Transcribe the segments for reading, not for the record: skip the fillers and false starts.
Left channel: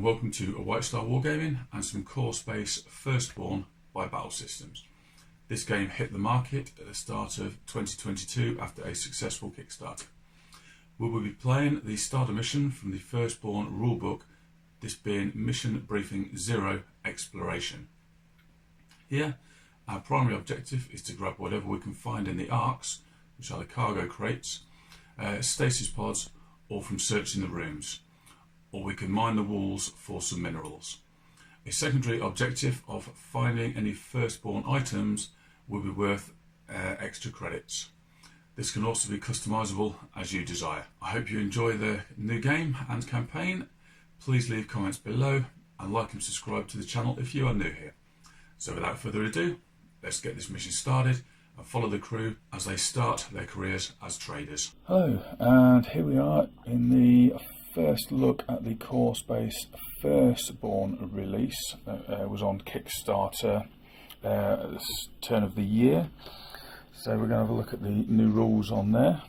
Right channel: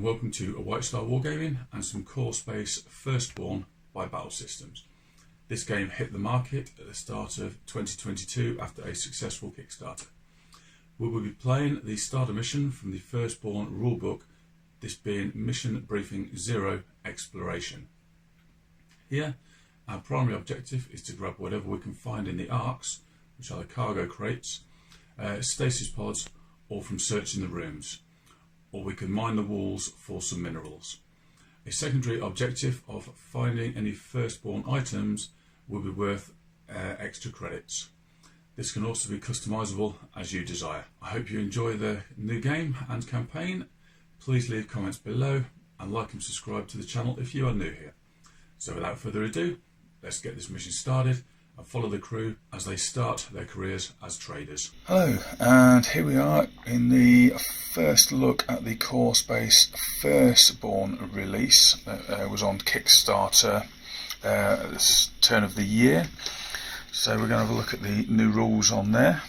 and welcome to a Whitestar Wargaming and some core space Firstborn by Battle Systems. This game hit the market at the start of 2022 after a successful Kickstarter. We will be playing the starter mission from the Firstborn rulebook, this being Mission Briefing 0 Exploration. Here, our primary objective is to grab whatever we can find in the arks, which are the cargo crates, Stasis Pods, or from searching the rooms, or we can mine the walls for some minerals. A secondary objective of finding any Firstborn items will be worth extra credits. This can also be customizable as you desire. I hope you enjoy the new game and campaign. Please leave comments below and like and subscribe to the channel if you are new here. So without further ado, let's get this mission started and follow the crew as they start their careers as traders. Hello, and here we are in the first look at the Core Space Firstborn release that was on Kickstarter at the turn of the year. So we're going to have a look at the new rules on there.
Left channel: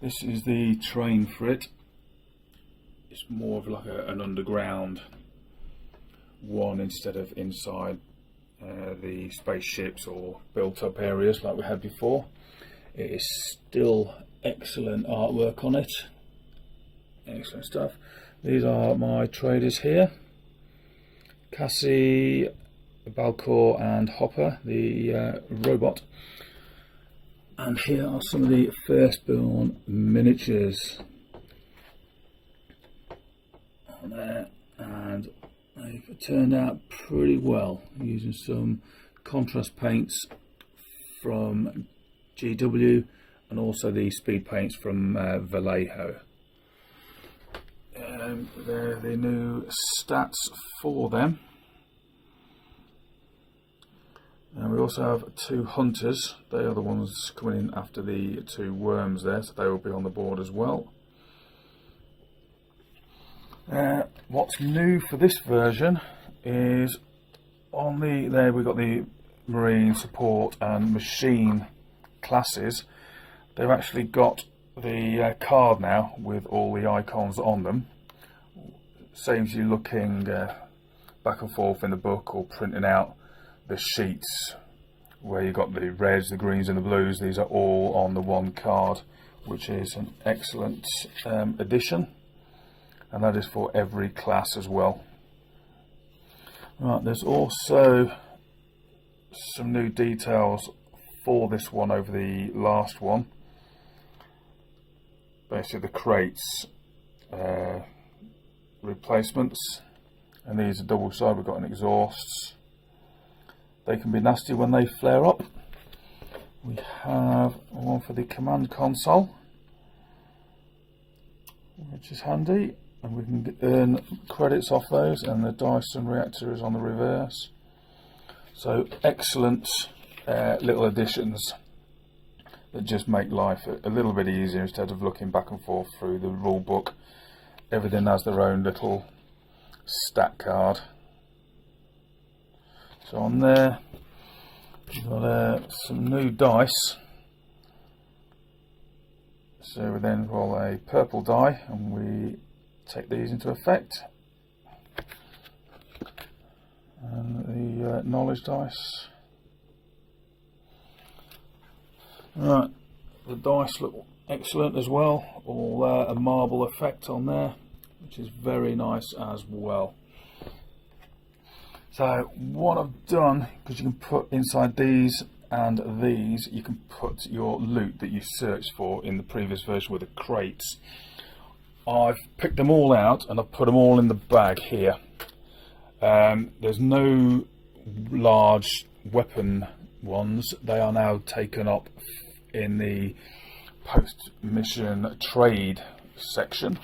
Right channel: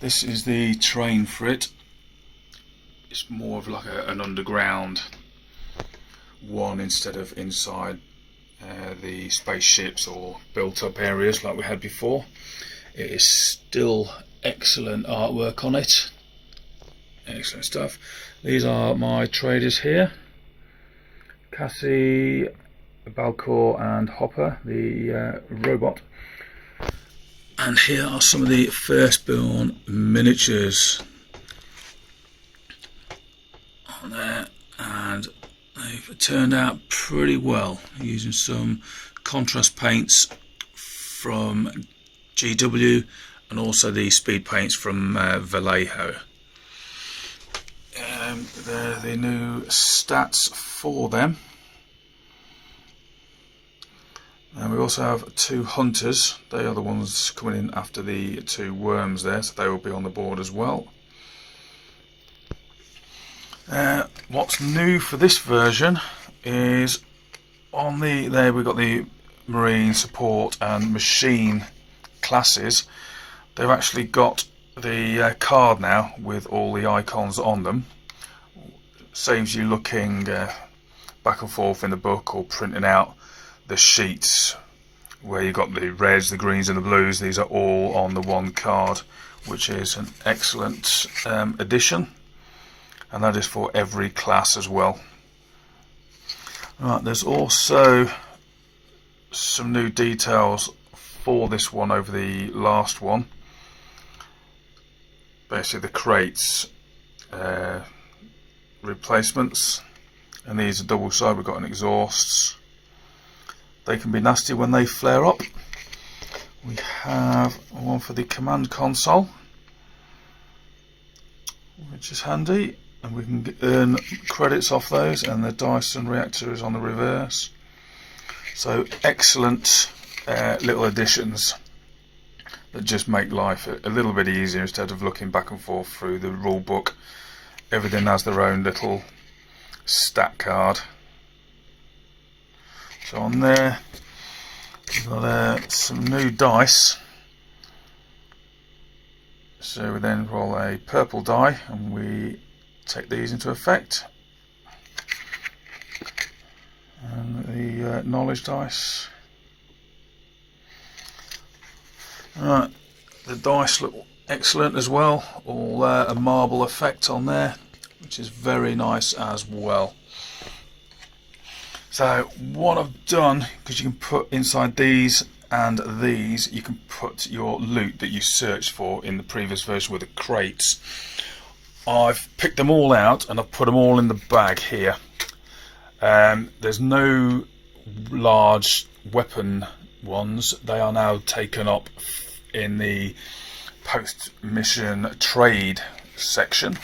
This is the terrain for it. It's more of like an underground one instead of inside the spaceships or built up areas like we had before. It is still excellent artwork on it, excellent stuff. These are my traders here: Cassie, Balcor and Hopper, the robot. And here are some of the Firstborn miniatures on there, and they've turned out pretty well using some contrast paints from GW and also the speed paints from Vallejo. They're the new stats for them. And we also have two hunters. They are the ones coming in after the two worms there, so they will be on the board as well. What's new for this version is on there we've got the marine, support and machine classes. They've actually got the card now with all the icons on them. Saves you looking back and forth in the book or printing out the sheets where you've got the reds, the greens and the blues. These are all on the one card, which is an excellent addition. And that is for every class as well. Right, there's also some new details for this one over the last one. Basically the crates replacements, and these are double side. We've got an exhausts. They can be nasty when they flare up. We have one for the command console, which is handy. And we can earn credits off those, and the Dyson reactor is on the reverse. So excellent little additions that just make life a little bit easier instead of looking back and forth through the rule book. Everything has their own little stat card. So on there we've got some new dice. So we then roll a purple die and we take these into effect, and the knowledge dice. Right, the dice look excellent as well, all a marble effect on there, which is very nice as well. So what I've done, because you can put inside these and these, you can put your loot that you searched for in the previous version with the crates. I've picked them all out and I've put them all in the bag here. There's no large weapon ones. They are now taken up in the post-mission trade section.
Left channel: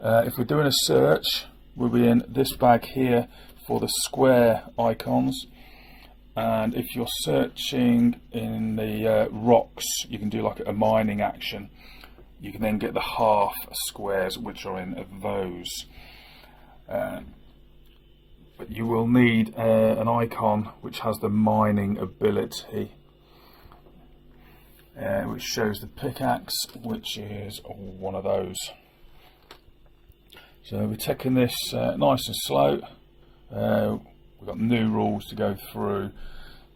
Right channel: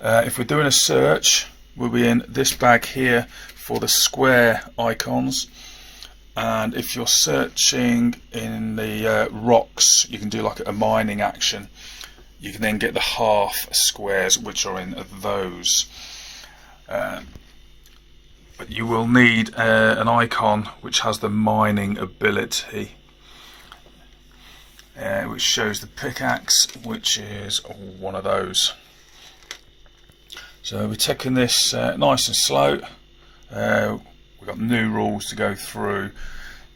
If we're doing a search, we'll be in this bag here for the square icons. And if you're searching in the rocks, you can do like a mining action. You can then get the half squares, which are in those. But you will need an icon which has the mining ability, which shows the pickaxe, which is one of those. So we're taking this nice and slow. We've got new rules to go through,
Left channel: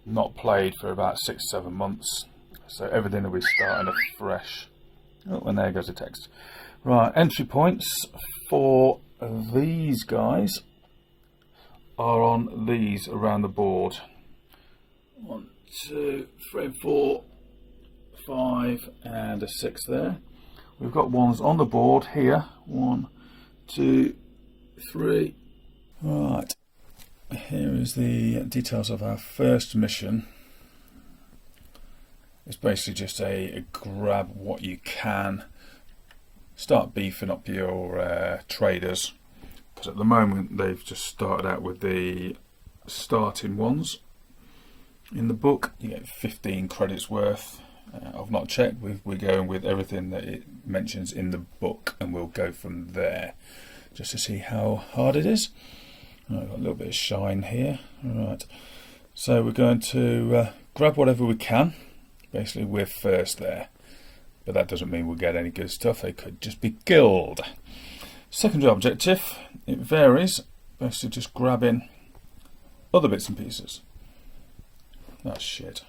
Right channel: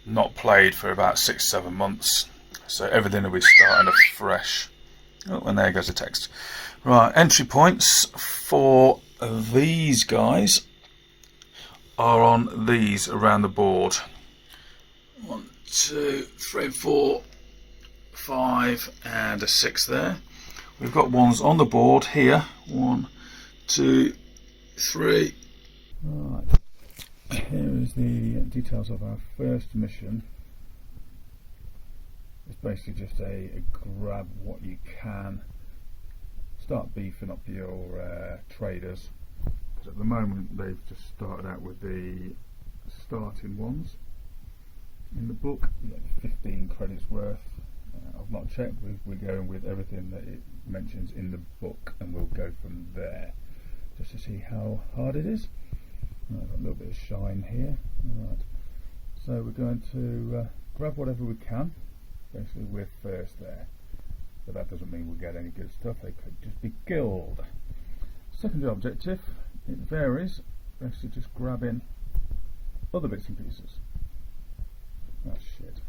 not played for about 6-7 months, so everything will be starting afresh. Oh, and there goes the text. Right, entry points for these guys are on these around the board. 1, 2, 3, 4, 5 and a 6 there. We've got ones on the board here. 1, 2, 3. Right, here is the details of our first mission. It's basically just a grab what you can, start beefing up your traders, because at the moment they've just started out with the starting ones. In the book you get 15 credits worth. I've not checked, we're going with everything that it mentions in the book, and we'll go from there just to see how hard it is. I've got a little bit of shine here. Right, so we're going to grab whatever we can. Basically we're first there, but that doesn't mean we'll get any good stuff. They could just be killed. Secondary objective, it varies, basically just grabbing other bits and pieces. That's shit.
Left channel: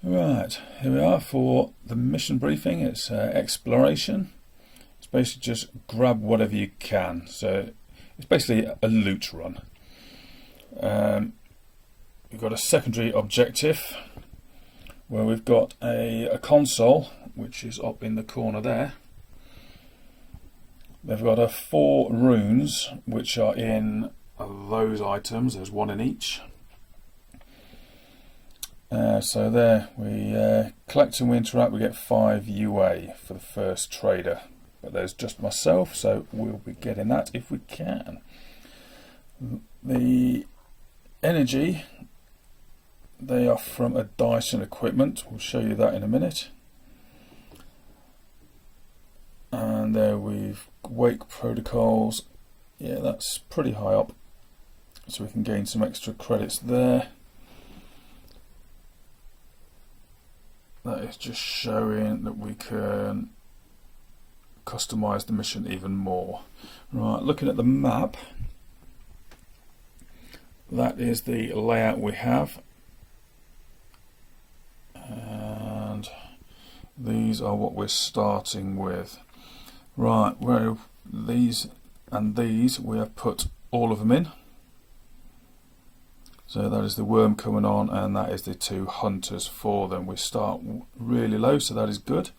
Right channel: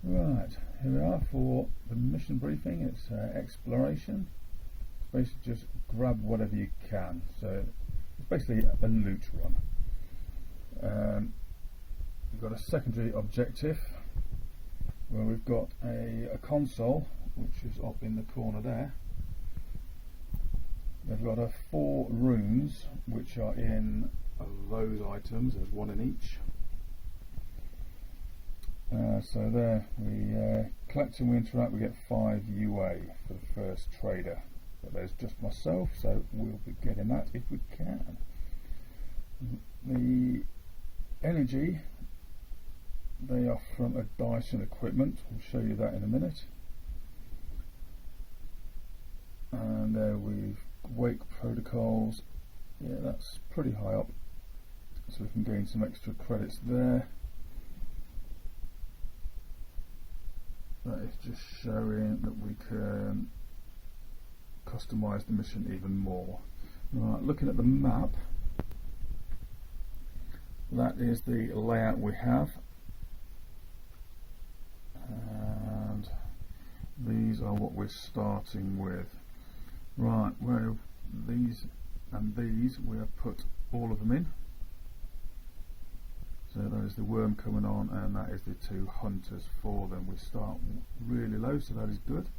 Right, here we are for the mission briefing. It's exploration. It's basically just grab whatever you can. So it's basically a loot run. We've got a secondary objective where we've got a console, which is up in the corner there. They've got 4 runes which are in those items. There's 1 in each. So there we collect and we interact. We get 5 UA for the first trader, but there's just myself, so we'll be getting that if we can. The energy, they are from a Dyson equipment. We'll show you that in a minute. And there we've wake protocols. Yeah, that's pretty high up, so we can gain some extra credits there. That is just showing that we can customize the mission even more. Right, looking at the map, that is the layout we have. And these are what we're starting with. Right, where these and these we have put all of them in. So that is the worm coming on, and that is the 2 hunters for them. We start really low, so that is good.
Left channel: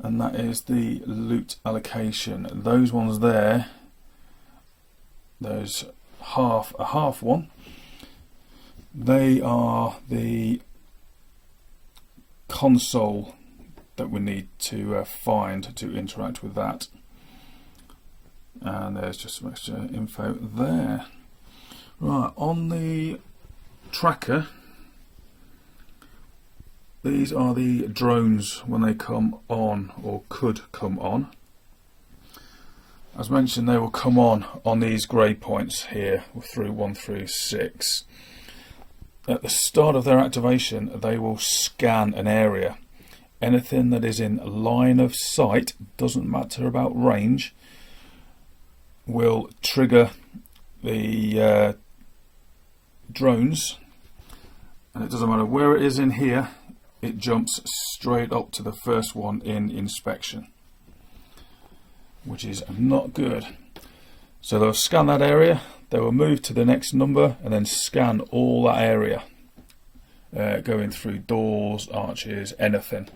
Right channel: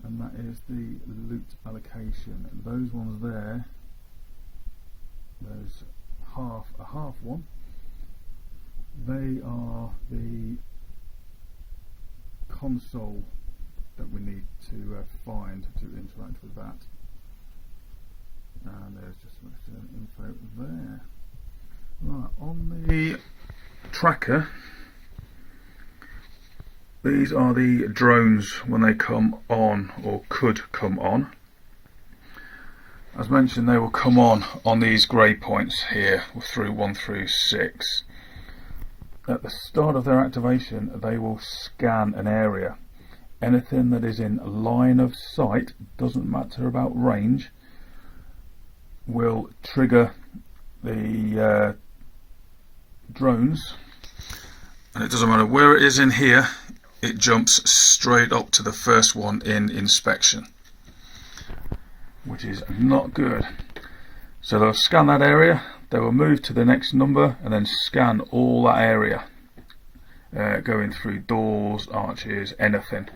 And that is the loot allocation. Those ones there, those a half one, they are the console that we need to find to interact with that. And there's just some extra info there. Right, on the tracker, these are the drones when they come on, or could come on. As mentioned, they will come on these grey points here through 1 through 6. At the start of their activation, they will scan an area. Anything that is in line of sight, doesn't matter about range, will trigger the drones, and it doesn't matter where it is in here, it jumps straight up to the first one in inspection, which is not good. So they'll scan that area, they will move to the next number and then scan all that area, going through doors, arches, anything.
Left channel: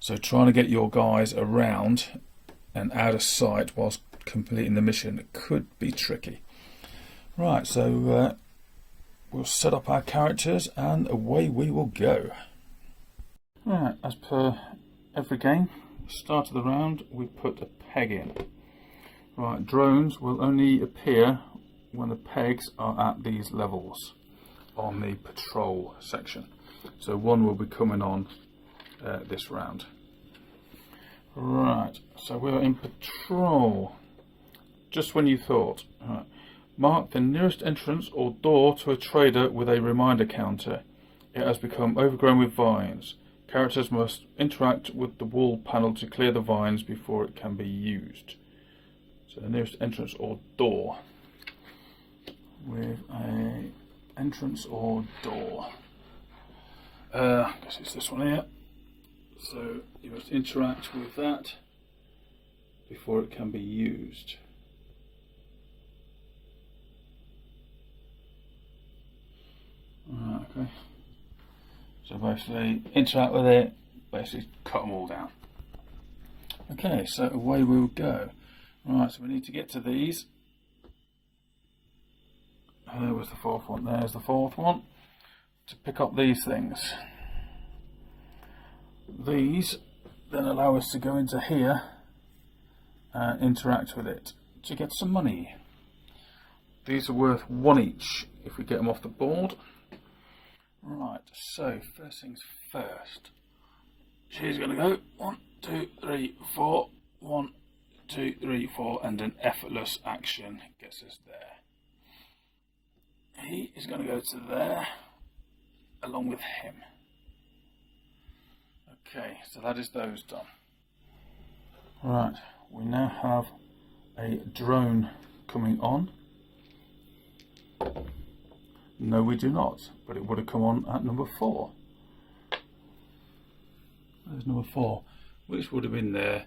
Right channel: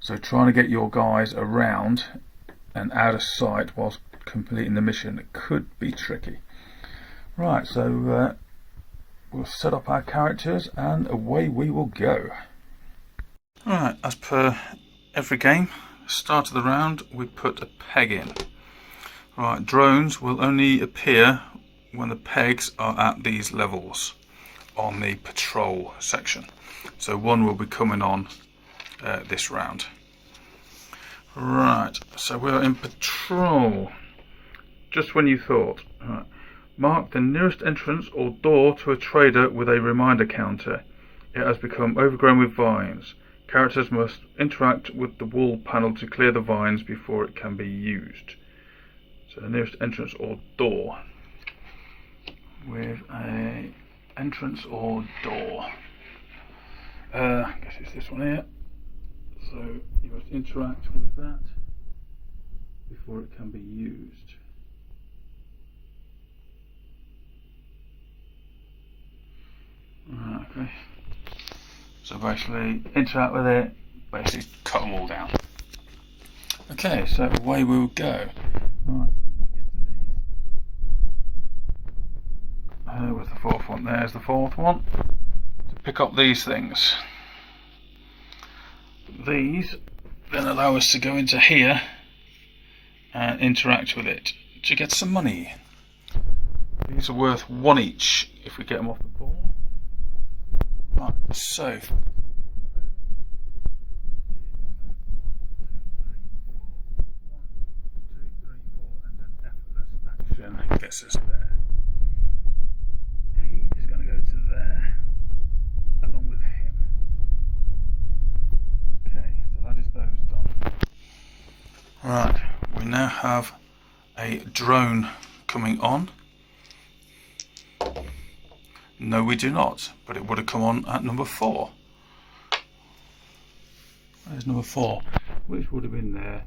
So trying to get your guys around and out of sight whilst completing the mission could be tricky. Right, so we'll set up our characters and away we will go. Alright, as per every game, start of the round we put a peg in. Right, drones will only appear when the pegs are at these levels on the patrol section. So 1 will be coming on this round. Right, so we're in patrol. Just when you thought. Right. Mark the nearest entrance or door to a trader with a reminder counter. It has become overgrown with vines. Characters must interact with the wall panel to clear the vines before it can be used. So the nearest entrance or door. With a entrance or door. I guess it's this one here. So you must interact with that before it can be used. Okay. So basically interact with it, basically cut them all down. Okay, so away we will go. Right, so we need to get to these. There was the fourth one, there's the fourth one. To pick up these things. These then allow us to go into here and interact with it to get some money. These are worth 1 each if we get them off the board. Right, so first things first. She's going to go 1, 2, 3, 4. 1, 2, 3, 4, and an effortless action gets us there. He is going to go to there along with him. Okay, so that is those done. Right, we now have a drone coming on. No, we do not, but it would have come on at number 4. There's number 4, which would have been there.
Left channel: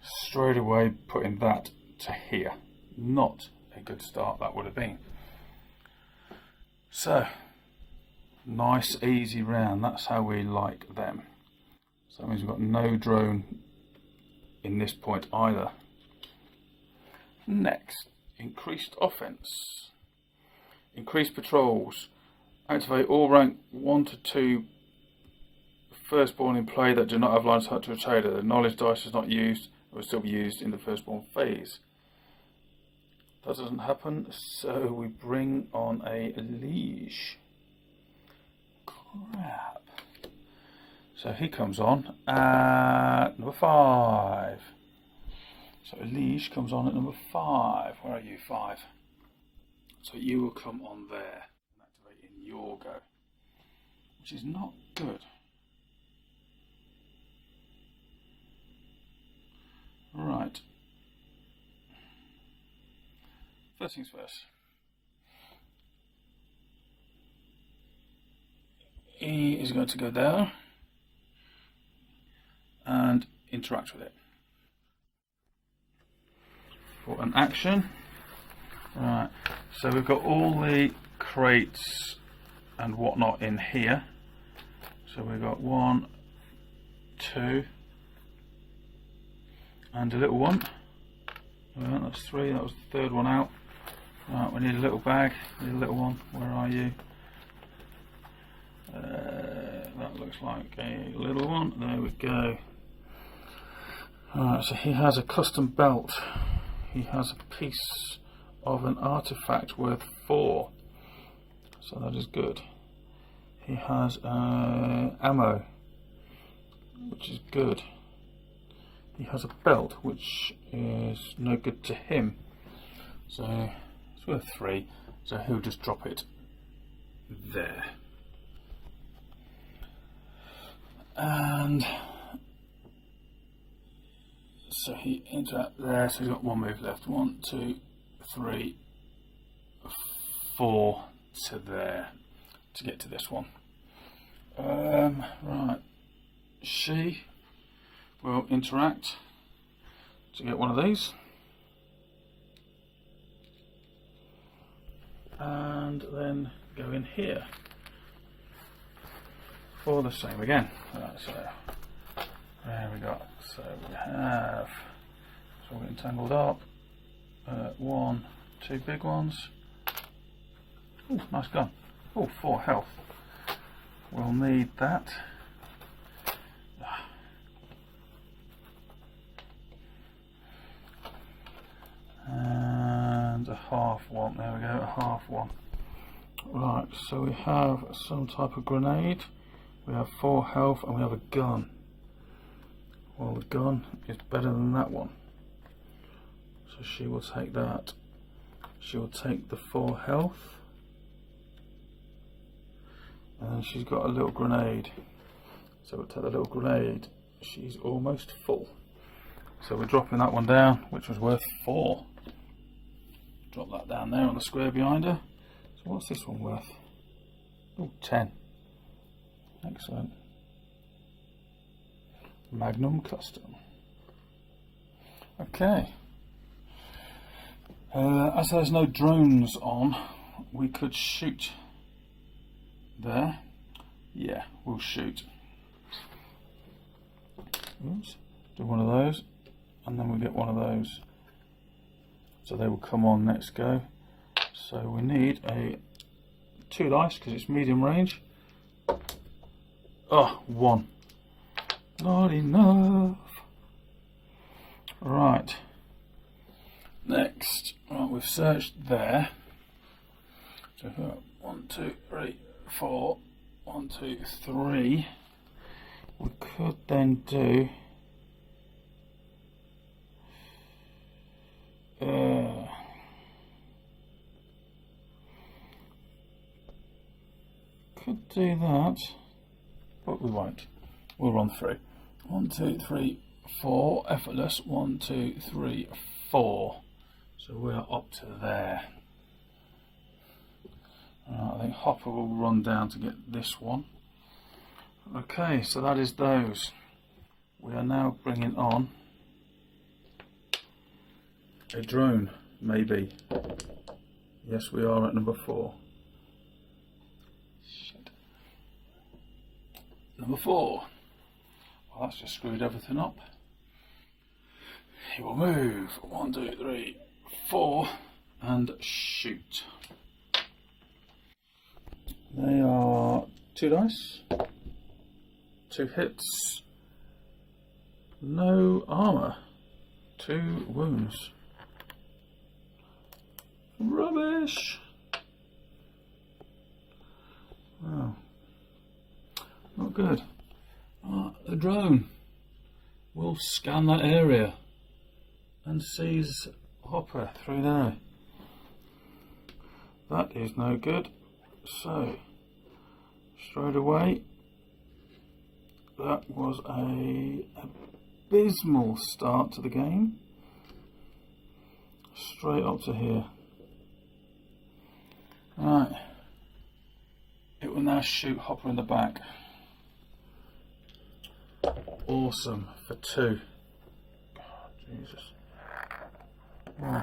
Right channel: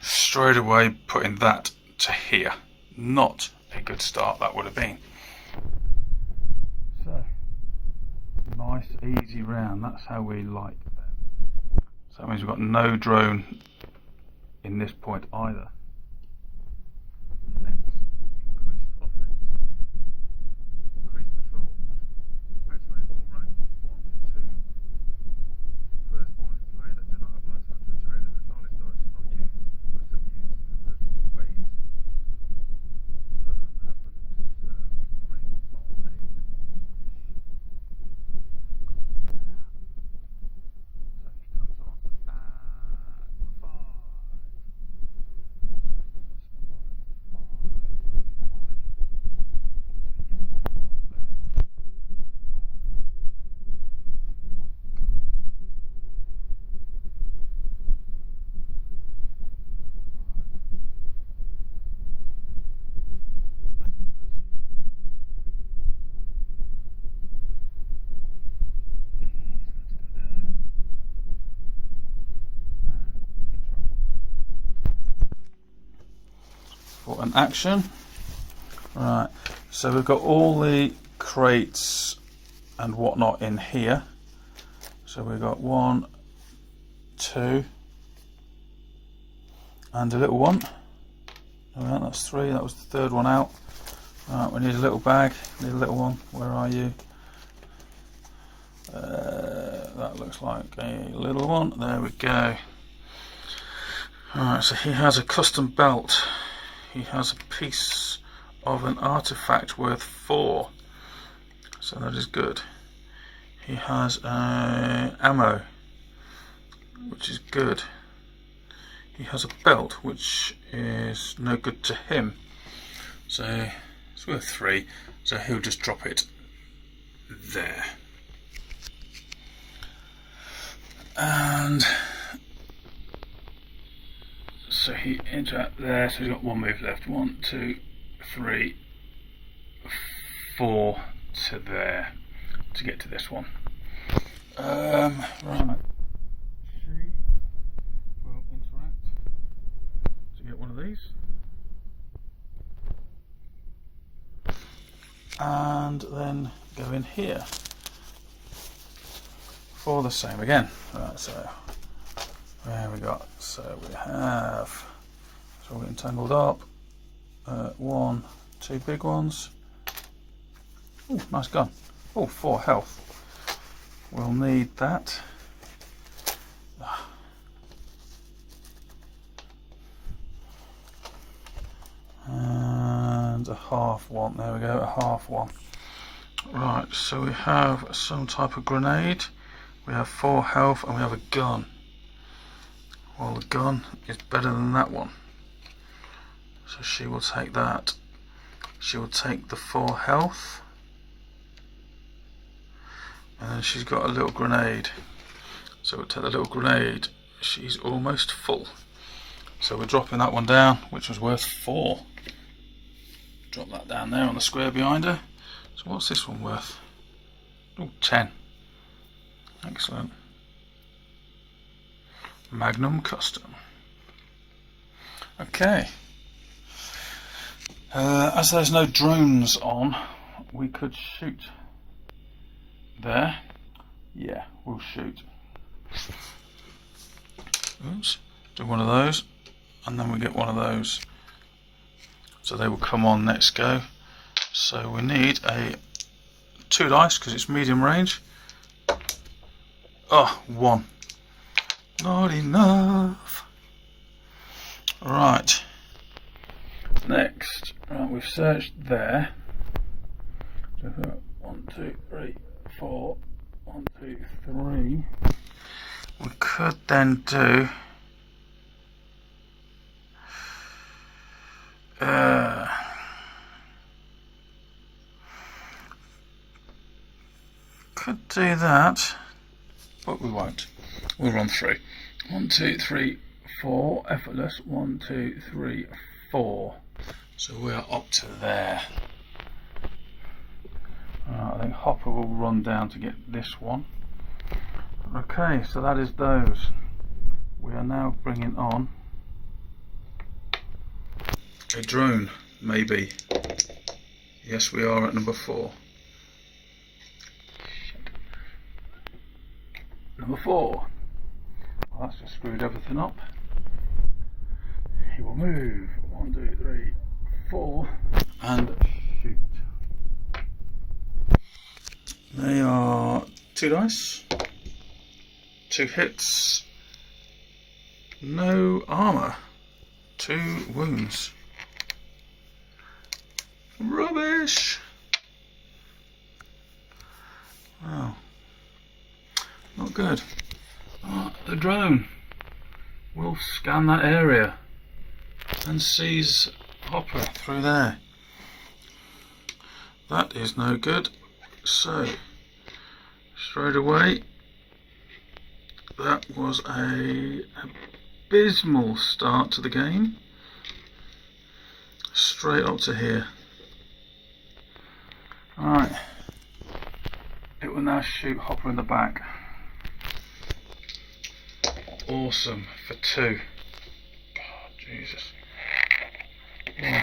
Straight away putting that to here. Not a good start that would have been. So, nice easy round, that's how we like them. So that means we've got no drone in this point either. Next, increased offense. Increased patrols. Activate all rank 1 to 2 firstborn in play that do not have line of sight to a trader. The knowledge dice is not used, it will still be used in the firstborn phase. That doesn't happen, so we bring on a liege. Crap. So he comes on at number 5. So a liege comes on at number 5. Where are you, 5? So you will come on there, activating your go, which is not good. Right. First things first. He is going to go there and interact with it. For an action. Right, so we've got all the crates and whatnot in here. So we've got 1, 2, and a little one. Right, that's 3, that was the third one out. Right, we need a little bag, need a little one. Where are you? That looks like a little one. There we go. Alright, so he has a custom belt. He has a piece of an artifact worth 4. So that is good. He has ammo, which is good. He has a belt, which is no good to him. So it's worth 3. So he'll just drop it there. And so he interact there, so he's got 1 move left. 1, 2, 3, 4 to there to get to this one. Right, she will interact to get one of these, and then go in here for the same again. Right, so there we got. So we have, it's all getting tangled up. 1, 2 big ones. Oh, nice gun. Oh, 4 health. We'll need that. And a half one. There we go, a half one. Right, so we have some type of grenade. We have 4 health and we have a gun. Well, the gun is better than that one. So she will take that. She will take the 4 health. And then she's got a little grenade. So we'll take the little grenade. She's almost full. So we're dropping that one down, which was worth 4. Drop that down there on the square behind her. So what's this one worth? Oh, 10. Excellent. Magnum Custom. Okay. As there's no drones on, we could shoot there. Yeah, we'll shoot. Oops. Do one of those, and then we get one of those. So they will come on next go. So we need 2 dice because it's medium range. Oh, 1. Not enough. Right. Next, right, we've searched there. So 1, 2, 3, 4. 1, 2, 3. We could then do could do that, but we won't. We'll run through. 1, 2, 3, 4. Effortless. 1, 2, 3, 4. So we are up to there. I think Hopper will run down to get this one. Okay, so that is those. We are now bringing on a drone, maybe. Yes, we are at number 4. Number 4. Well, that's just screwed everything up. He will move. 1, 2, 3, 4, and shoot. They are 2 dice, 2 hits, no armour, 2 wounds. Rubbish! Wow, not good. The drone will scan that area and sees Hopper through there. That is no good. So, straight away, that was a abysmal start to the game. Straight up to here. Right, it will now shoot Hopper in the back. Awesome, for 2. God, Jesus. 1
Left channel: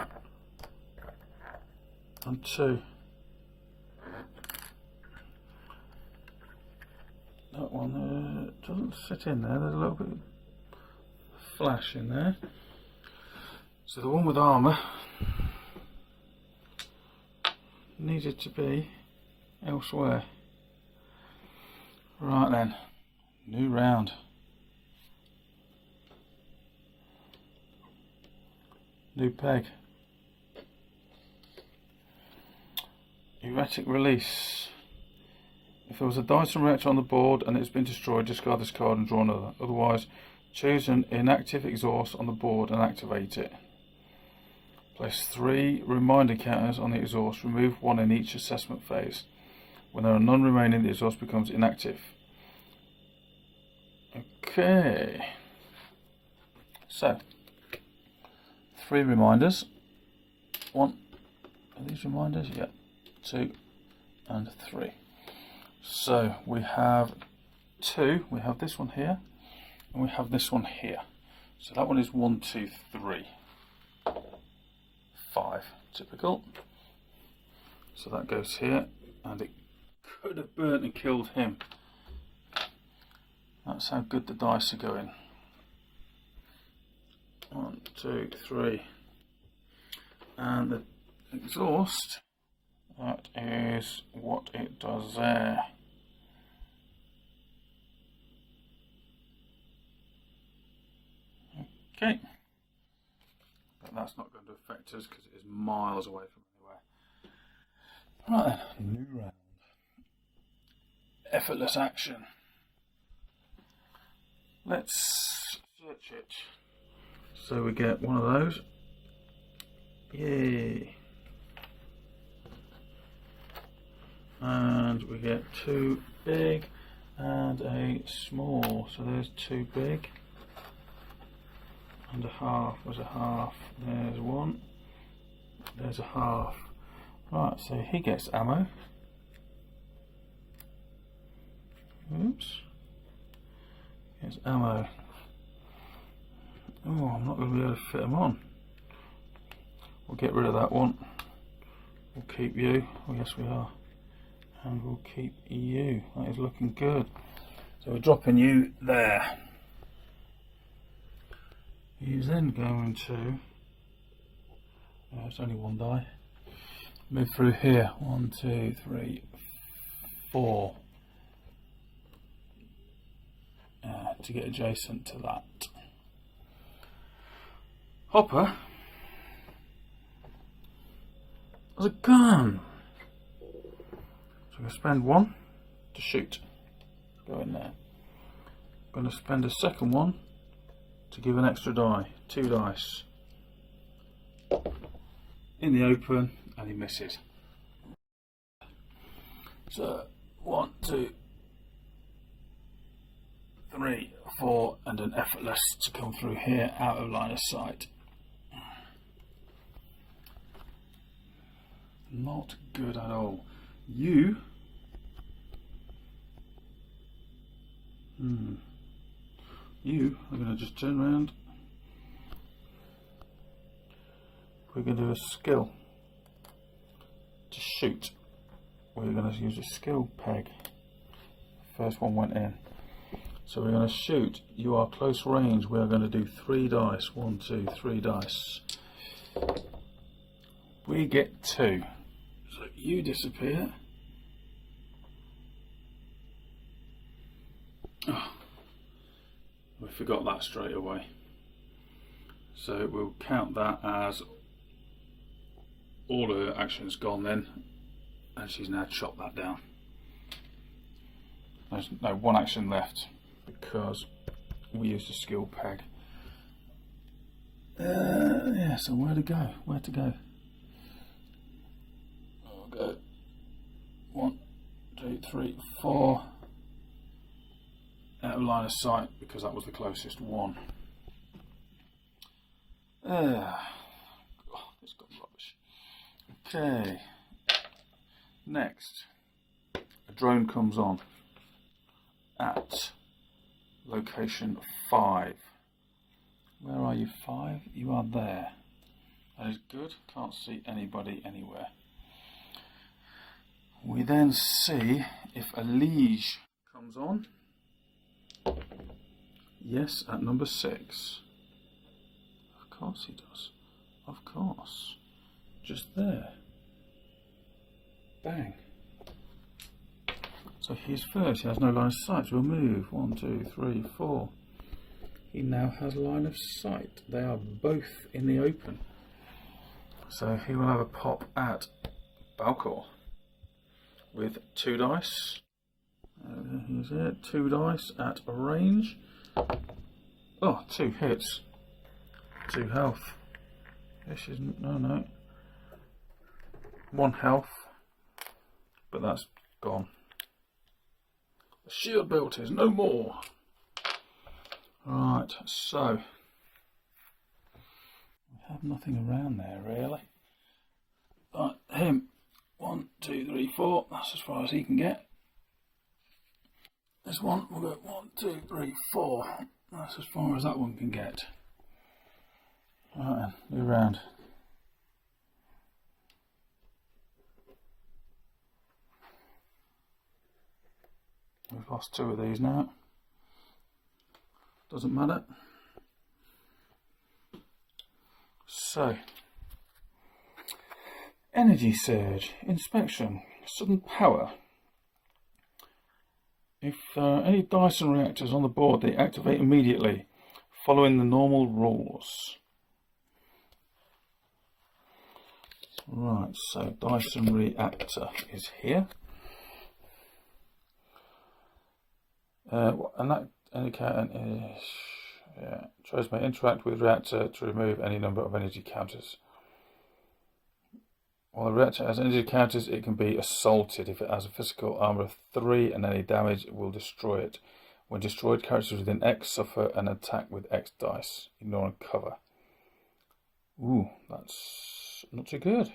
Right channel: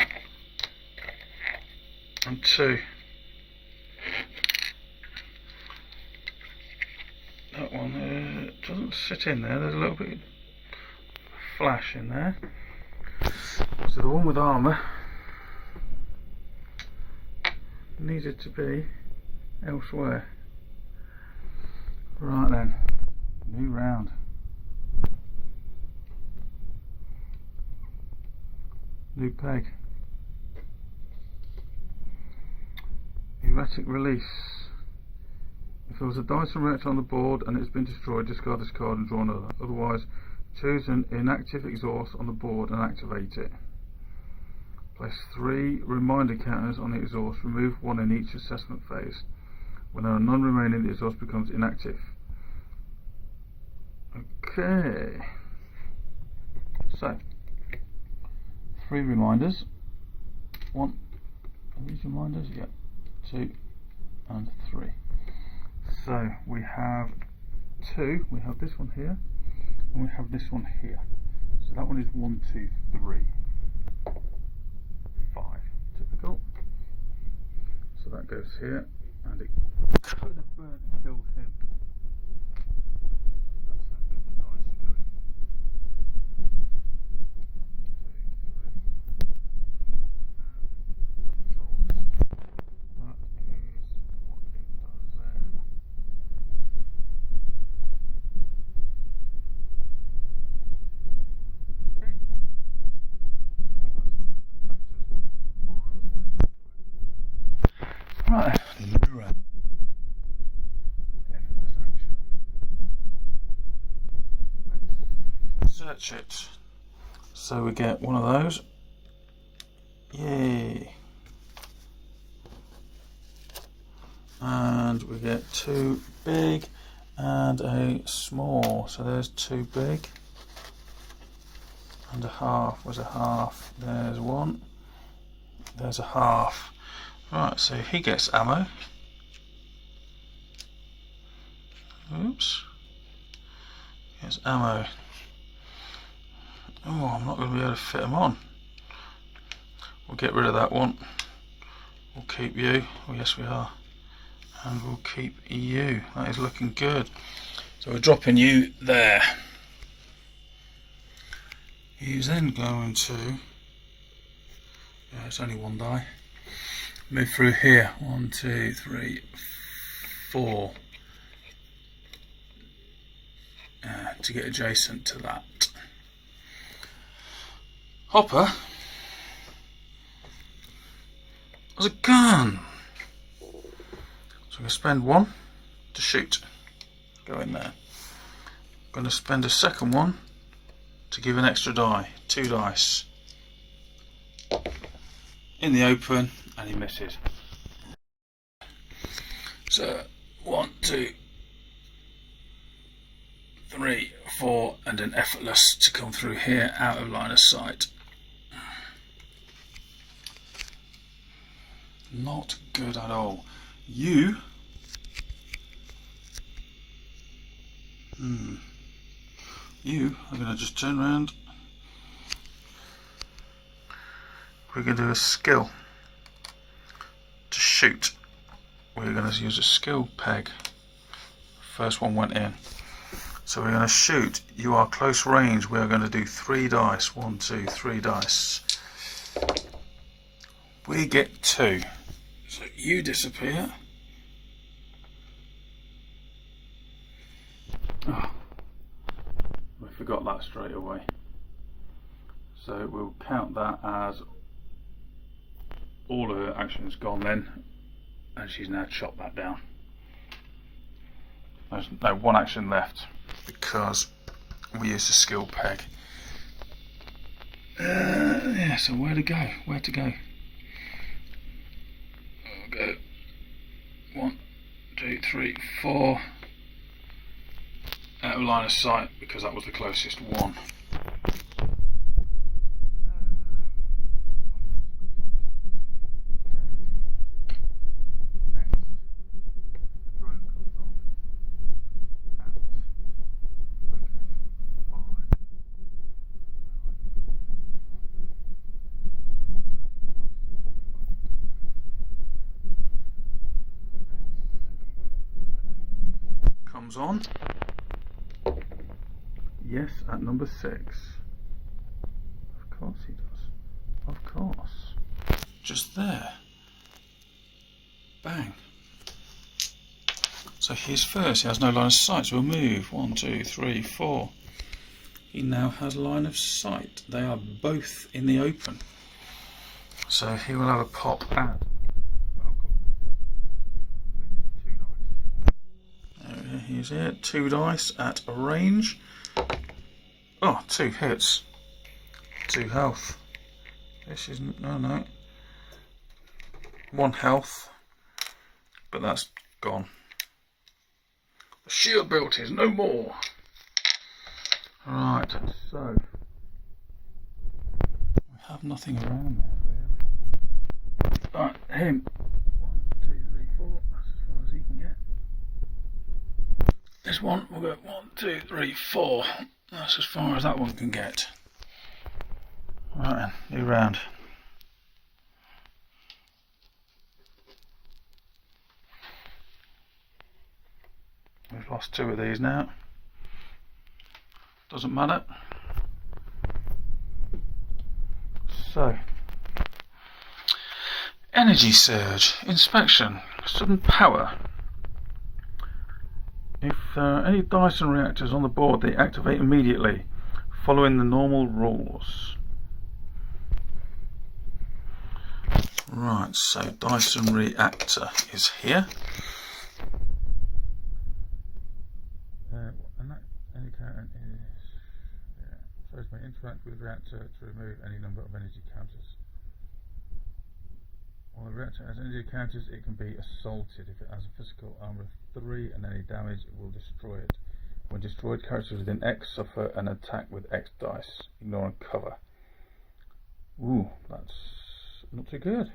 and 2. That one doesn't sit in there, there's a little bit of flash in there. So the one with armour needed to be elsewhere. Right then, new round. New peg. Erratic release. If there was a Dyson reactor on the board and it's been destroyed, discard this card and draw another. Otherwise, choose an inactive exhaust on the board and activate it. Place 3 reminder counters on the exhaust. Remove 1 in each assessment phase. When there are none remaining, the exhaust becomes inactive. Okay. So, 3 reminders. 1. Are these reminders? Yeah. 2 and 3. So we have 2, we have this one here, and we have this one here. So that one is 1, 2, 3, 5, typical. So that goes here, and it could have burnt and killed him. That's how good the dice are going. 1, 2, 3, and the exhaust. That is what it does there. Okay. That's not going to affect us because it is miles away from anywhere. Right, the new round. Effortless action. Let's search it. So we get one of those. Yay. And we get 2 big and a small. So there's 2 big and a half. Was a half. There's 1. There's a half. Right, so he gets ammo. Oops. Gets ammo. Oh, I'm not going to be able to fit him on. We'll get rid of that one. We'll keep you. Oh yes we are. And we'll keep you. That is looking good. So we're dropping you there. He's then going to, it's only 1 die. Move through here. 1, 2, 3, 4. To get adjacent to that. Hopper has a gun. So I'm going to spend 1 to shoot. Go in there. I'm going to spend a second 1 to give an extra die. 2 dice. In the open, and he misses. So 1, 2, 3, 4, and an effortless to come through here out of line of sight. Not good at all. You are going to just turn around. We're going to do a skill to shoot. We're going to use a skill peg. First one went in. So we're going to shoot. You are close range. We are going to do 3 dice. 1, 2, 3 dice. We get 2. So you disappear. Oh, we forgot that straight away. So we'll count that as all of her actions gone then, and she's now chopped that down. There's no 1 action left because we used a skill peg. Yeah, so where to go? Where to go? I'll go 1, 2, 3, 4 out of line of sight because that was the closest one. Okay, next a drone comes on at location 5. Where are you, 5? You are there. That is good. Can't see anybody anywhere. We then see if a liege comes on. Yes, at number 6. Of course he does. Of course. Just there. Bang. So he's first. He has no line of sight. So we'll move. 1, 2, 3, 4. He now has line of sight. They are both in the open. So he will have a pop at Balcor with 2 dice. He's here. 2 dice at a range. Oh, 2 hits. 2 health. This isn't. No. 1 health. But that's gone. The shield belt is no more. Right, so we have nothing around there really. Right, him. 1, 2, 3, 4. That's as far as he can get. This one we'll go 1, 2, 3, 4. That's as far as that one can get. Right then, new round. We've lost 2 of these now. Doesn't matter. So, energy surge, inspection, sudden power. If any Dyson reactors on the board, they activate immediately, following the normal rules. Right, so Dyson reactor is here. And that indicator is, tries to interact with reactor to remove any number of energy counters. While a reactor has energy counters, it can be assaulted. If it has a physical armor of 3 and any damage, it will destroy it. When destroyed, characters within X suffer an attack with X dice. Ignore and cover. Ooh, that's not too good.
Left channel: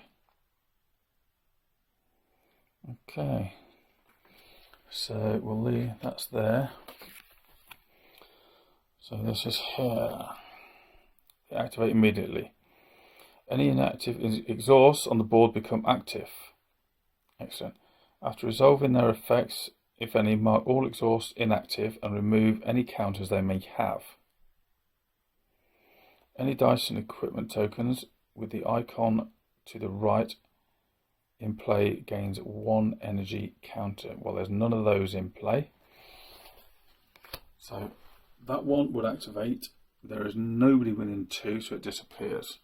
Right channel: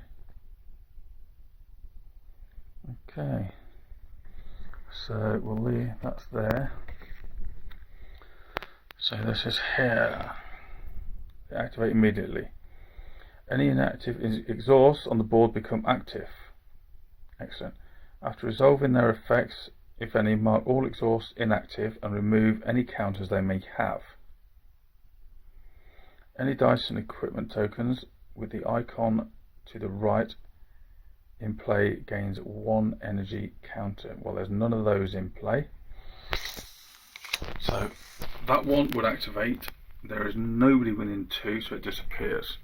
Okay. So we'll leave, that's there. So this is here. Activate immediately. Any inactive exhausts on the board become active. Excellent. After resolving their effects, if any, mark all exhausts inactive and remove any counters they may have. Any dice and equipment tokens with the icon to the right in play gains 1 energy counter. Well, there's none of those in play. So that one would activate. There is nobody within 2, so it disappears.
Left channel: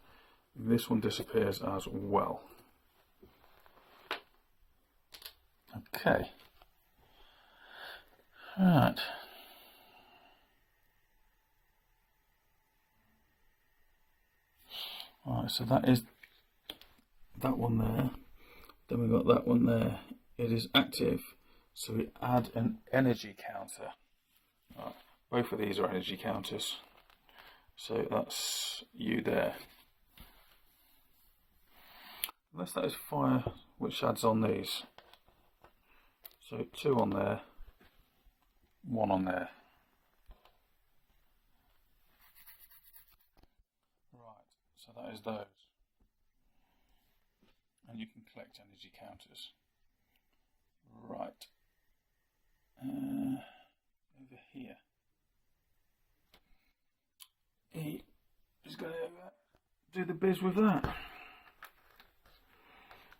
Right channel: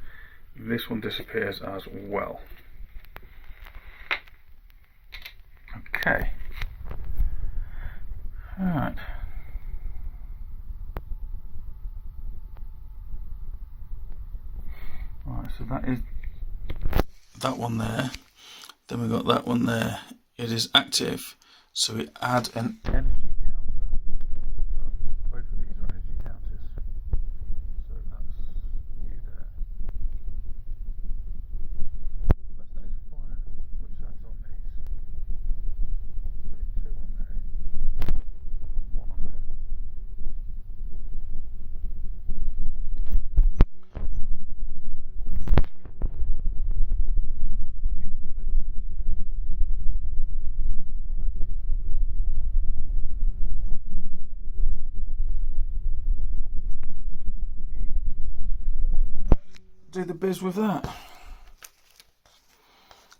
This one disappears as well. Okay. Right. Right, so that is that one there. Then we've got that one there. It is active, so we add an energy counter. Right. Both of these are energy counters. So that's you there. Unless that is fire, which adds on these. So 2 on there, 1 on there. Right, so that is those. And you can collect energy counters. Right. Over here. E is going to do the biz with that.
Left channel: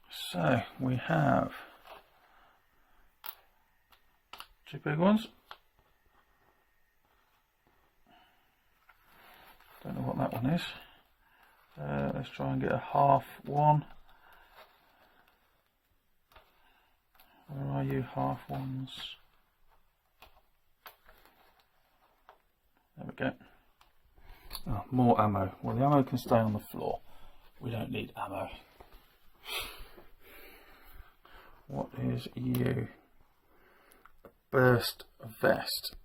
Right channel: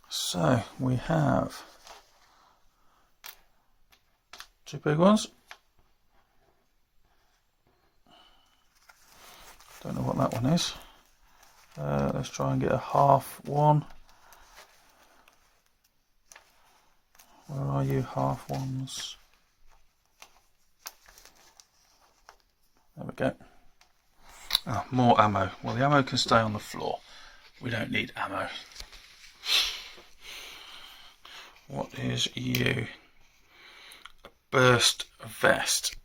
So we have 2 big ones. Don't know what that one is. Let's try and get a half one. Where are you, half ones? There we go. Oh, more ammo. Well, the ammo can stay on the floor. We don't need ammo. What is you? A burst vest.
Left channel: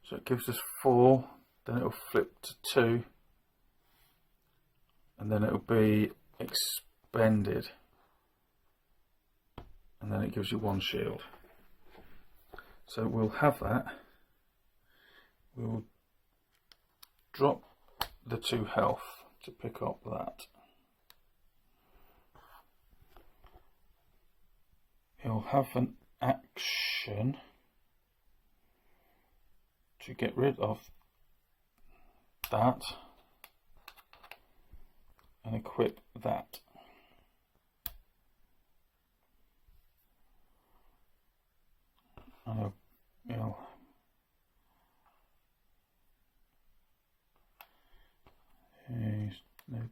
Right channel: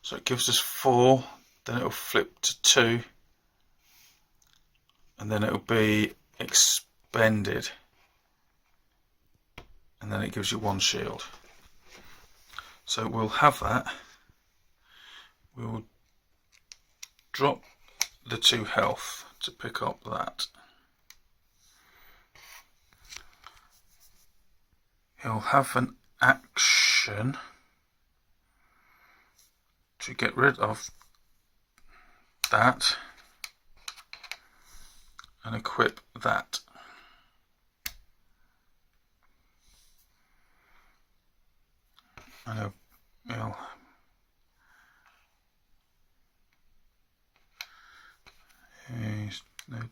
So it gives us 4, then it'll flip to 2, and then it'll be expended, and then it gives you 1 shield. So we'll have that. We'll drop the 2 health to pick up that. He'll have an action to get rid of that and equip that. And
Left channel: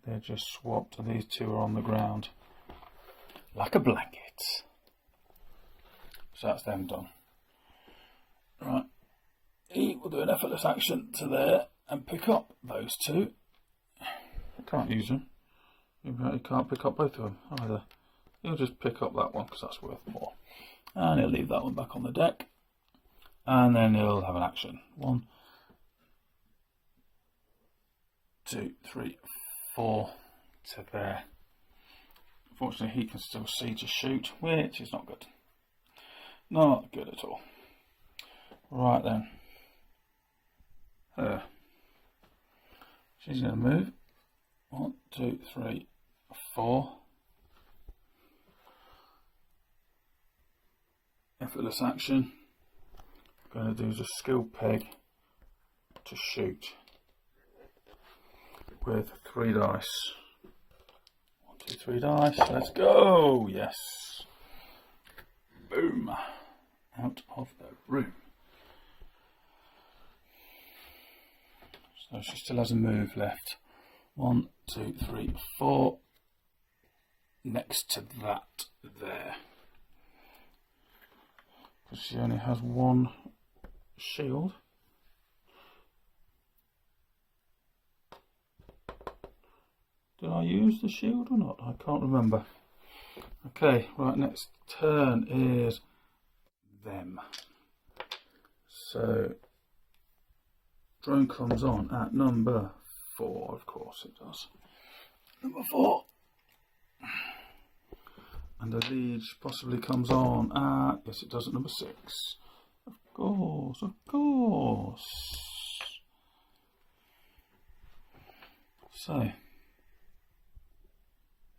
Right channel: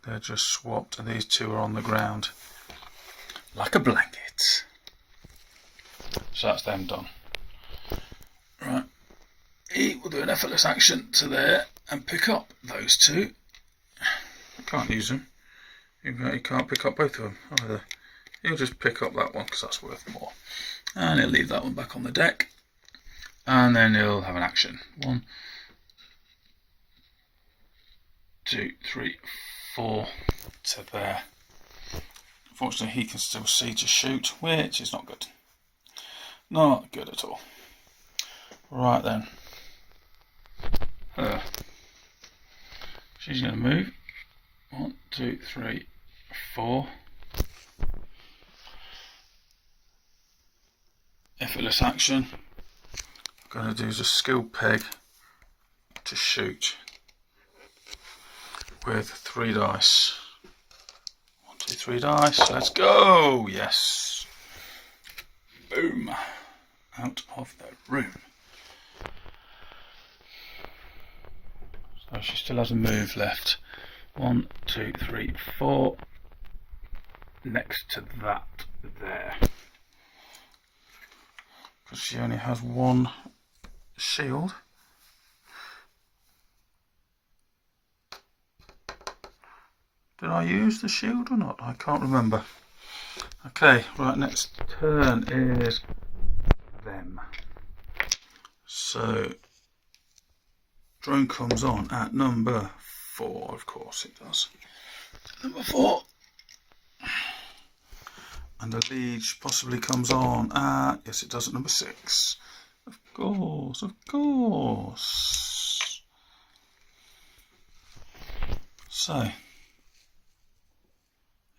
they're just swapped, and these 2 are on the ground like a blanket. So that's them done. Right, he will do an effortless action to there and pick up those 2. I can't use them. He can't pick up both of them either. He'll just pick up that one because that's worth more. And he'll leave that one back on the deck. And then he'll have an action. 1, 2, 3, 4 to there. Unfortunately, he can still see to shoot, which is not good. Not good at all. Right then. She's going to move. 1, 2, 3, 4. Effortless action. I'm going to do a skill peg to shoot with 3 dice. 1, 2, 3 dice. Let's go. Yes. Boom. Out of the room. So she still has a move left. 1, 2, 3, 4. Next to that there. Because she only has 1 shield. Did I use the shield or not? I can't remember. Okay, right, next turn is them. So drone comes on at number 4, of course it does. Number 4. And the Liege possibly comes on at, yes it does, at number 6. Of course, of course. So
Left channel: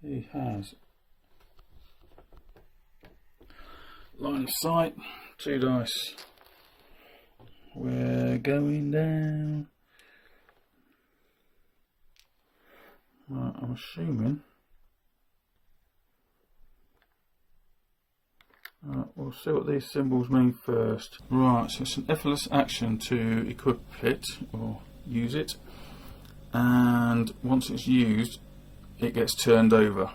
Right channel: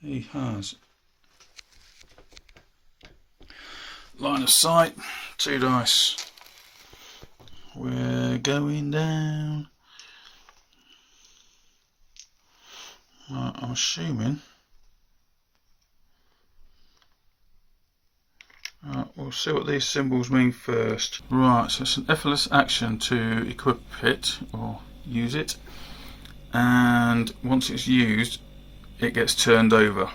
he has line of sight, 2 dice. We're going down. Right, I'm assuming. Right, we'll see what these symbols mean first. Right, so it's an effortless action to equip it or use it, and once it's used, it gets turned over.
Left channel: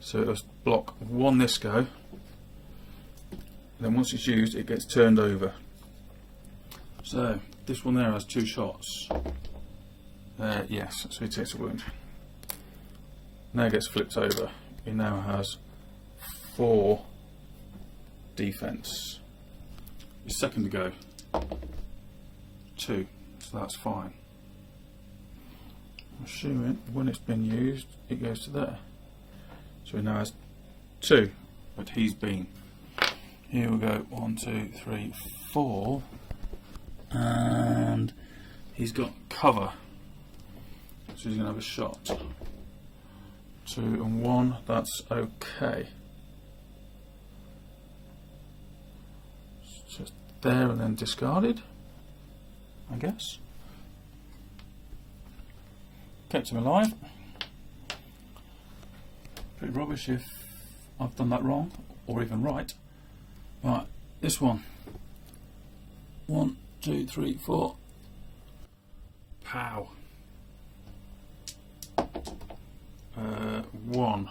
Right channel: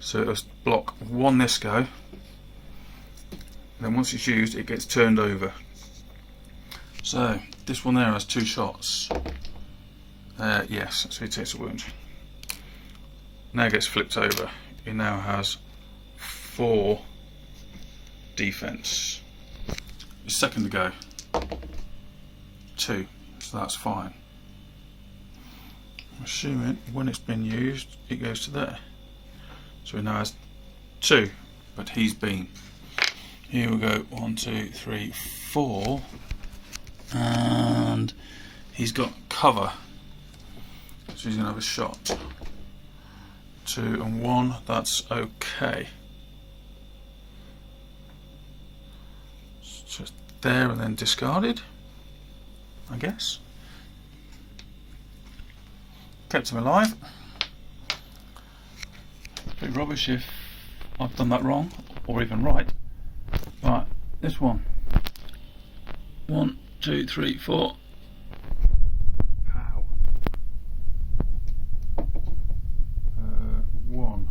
So it'll block 1 this go. Then once it's used, it gets turned over. So this one there has 2 shots. Yes, so he takes a wound. Now it gets flipped over. He now has 4 defense. His second to go, 2, so that's fine. I'm assuming when it's been used, it goes to there. So he now has 2, but he's been. Here we go, 1, 2, 3, 4, and he's got cover, so he's going to have a shot. 2 and 1, that's okay. It's just there and then discarded, I guess. Kept him alive. Pretty rubbish if I've done that wrong, or even right. Right, this one. 1, 2, 3, 4. Pow. 1.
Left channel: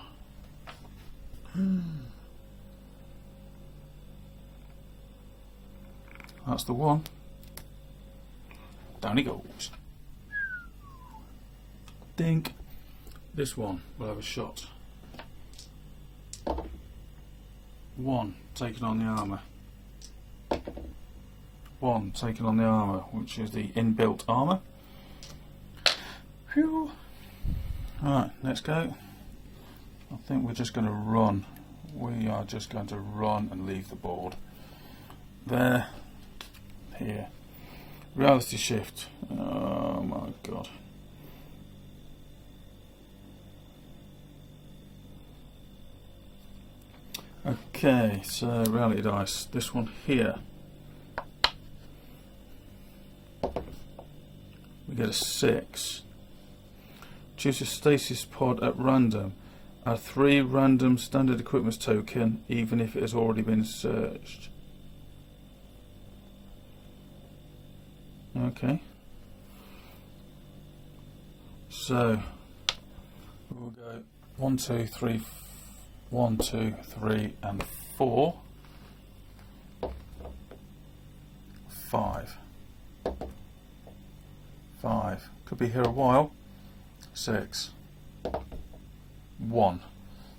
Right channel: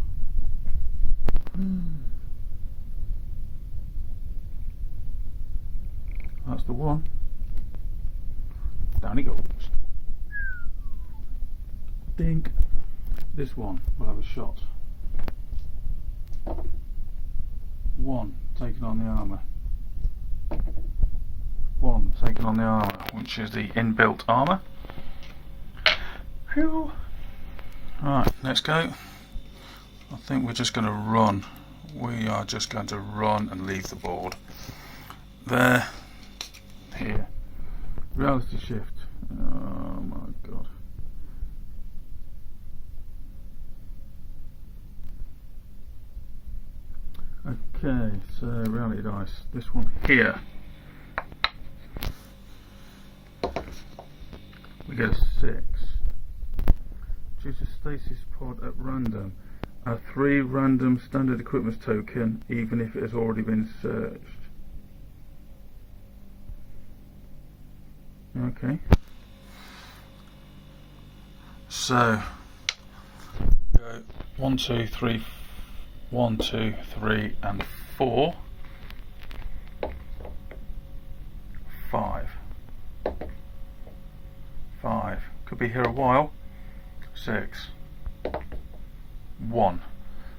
That's the one. Down he goes. Dink. This one will have a shot. 1 taking on the armour. 1 taking on the armour, which is the inbuilt armour. Phew. Right, let's go. I think we're just going to run. We are just going to run and leave the board. There. Here. Reality shift. Oh my god. Okay, so reality dice. This one here. We get a 6. Choose a stasis pod at random. Add 3 random standard equipment token, even if it has already been searched. Okay. So we'll go 1, 2, 3, 1, 2, 3, and 4. 5. 5. Could be here a while. 6. 1.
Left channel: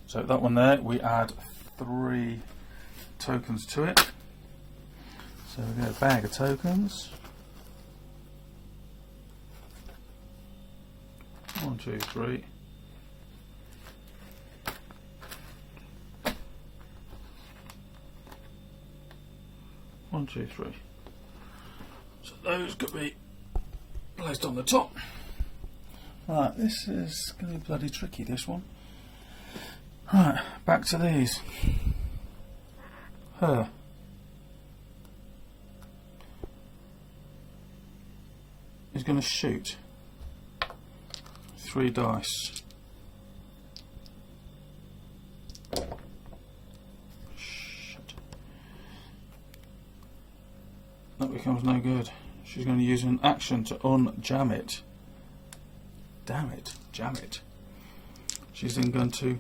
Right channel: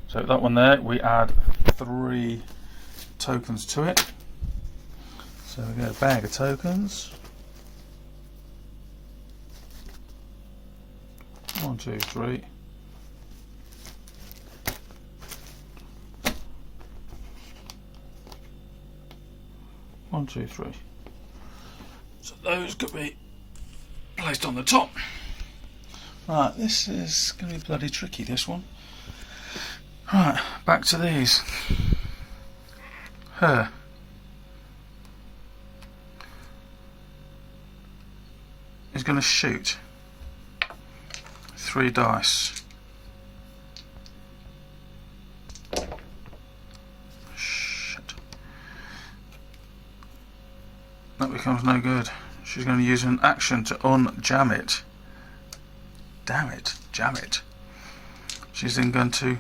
So that one there, we add 3 tokens to it. So we get a bag of tokens. 1, 2, 3. One, two, 3. So those could be placed on the top. Right, this is going to be bloody tricky, this one. Right, back to these. Her. Is going to shoot 3 dice. Shit. That becomes no good. She's going to use an action to unjam it. Damn it, jam it. She's then going to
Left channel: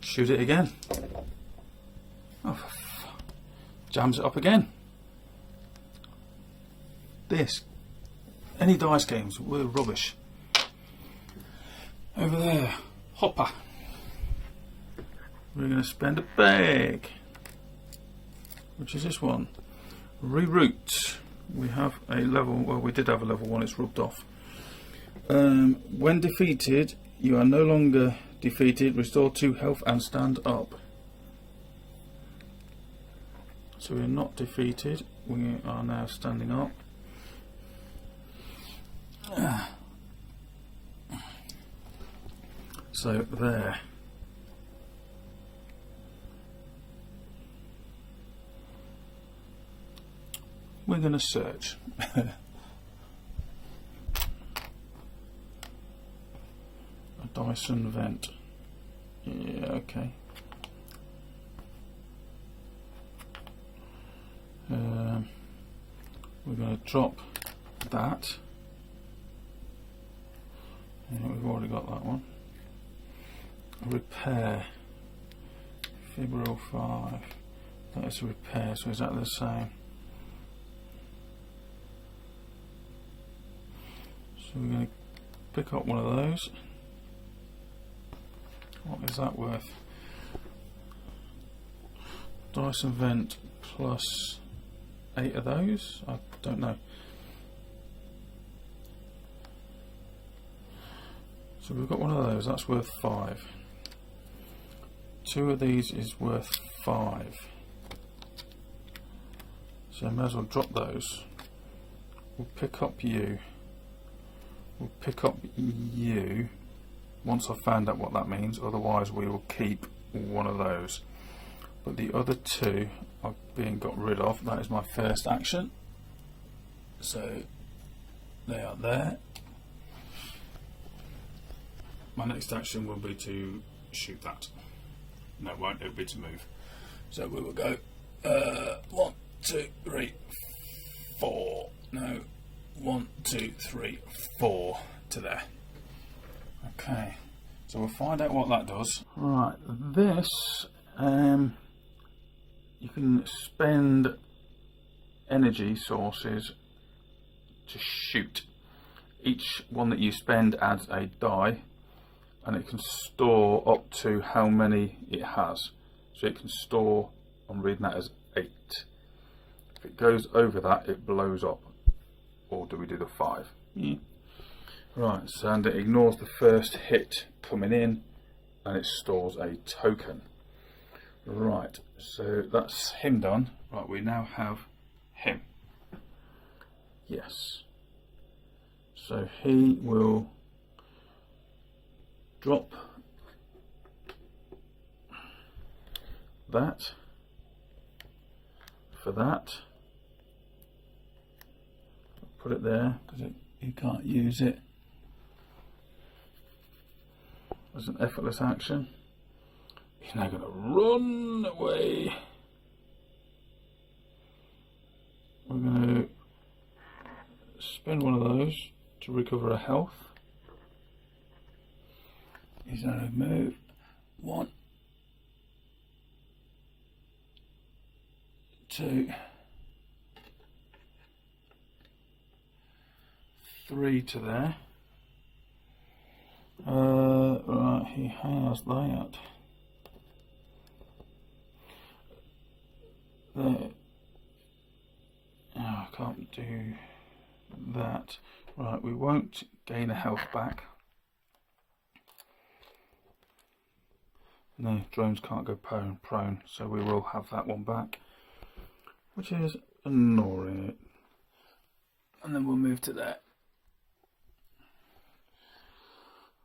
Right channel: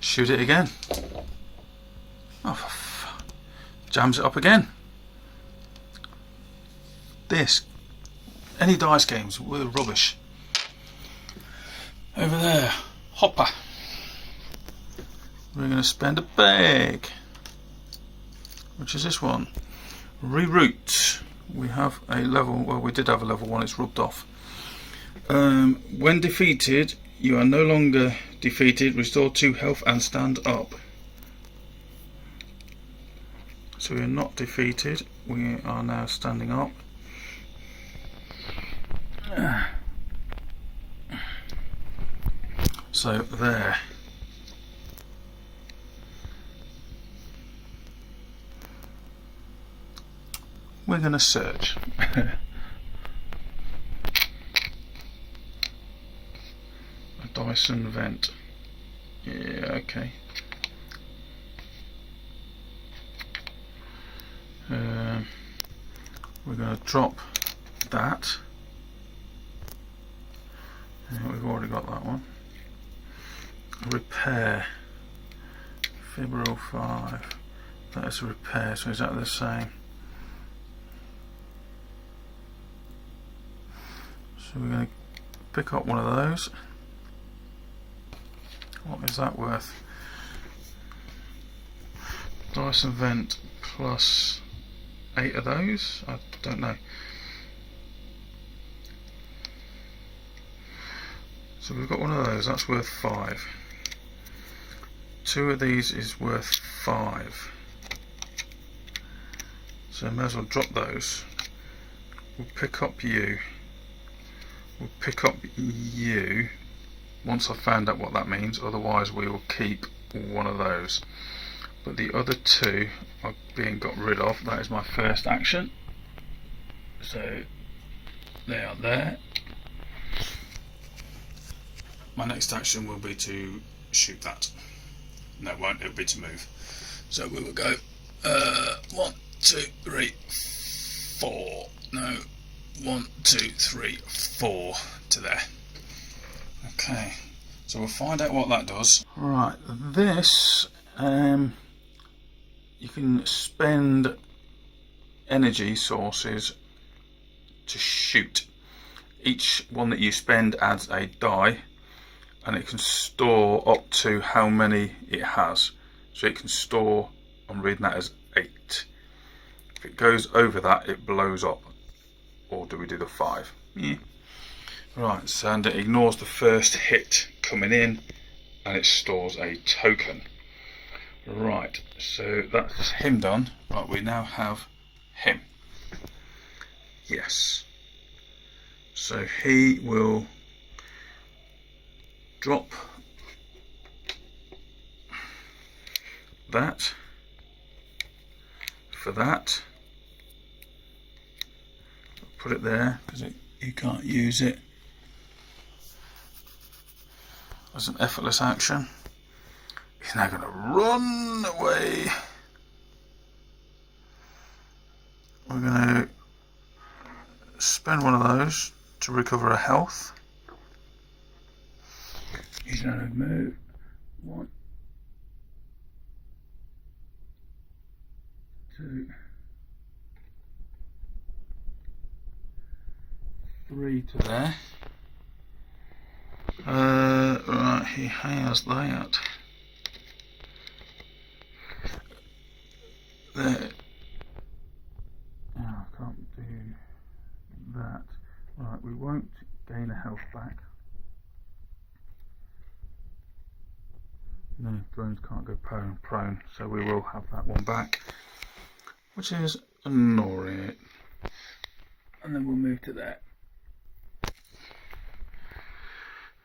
shoot it again. Oh, jams it up again. This Any dice games were rubbish. Over there, hopper. We're going to spend a bag. Which is this one. Reroute. We have a level, well, we did have a level 1, it's rubbed off. When defeated, you are no longer defeated. Restore 2 health and stand up. So we are not defeated, we are now standing up. So there. We're going to search. A Dyson vent. Yeah, okay. We're going to drop that. Yeah, we've already got that one. Repair. Fibro 5. That is a repair, so is that the same? So we're going to pick up one of those. What is that worth? Dyson vent plus 8 of those? I don't know. So we've got one of those, that's worth 5. 2 of these is worth 5. So I may as well drop those. We'll pick up you. We'll pick up you once I've found out what that means, otherwise we will keep one of those. But the other 2 are being got rid of. That is my first action. So they are there. My next action will be to shoot that. No, it won't, it'll be to move. So we will go 1, 2, 3, 4. No, 1, 2, 3, 4 to there. Okay, so we'll find out what that does. Right, this you can spend energy sources to shoot. Each one that you spend adds a die, and it can store up to how many it has. So it can store, I'm reading that as 8. If it goes over that, it blows up. Or do we do the 5? Yeah. Right, so and it ignores the first hit coming in, and it stores a token. Right, so that's him done. Right, we now have him. Yes. So he will drop that for that. I'll put it there because you can't use it as an effortless action. He's now going to run away. We're going to spend one of those to recover a health. He's going to move 1, 2, 3 to there. Right, he has that. There. Oh, I can't do that. Right, we won't gain a health back. No, drones can't go prone, so we will have that one back, which is annoying. And then we'll move to there.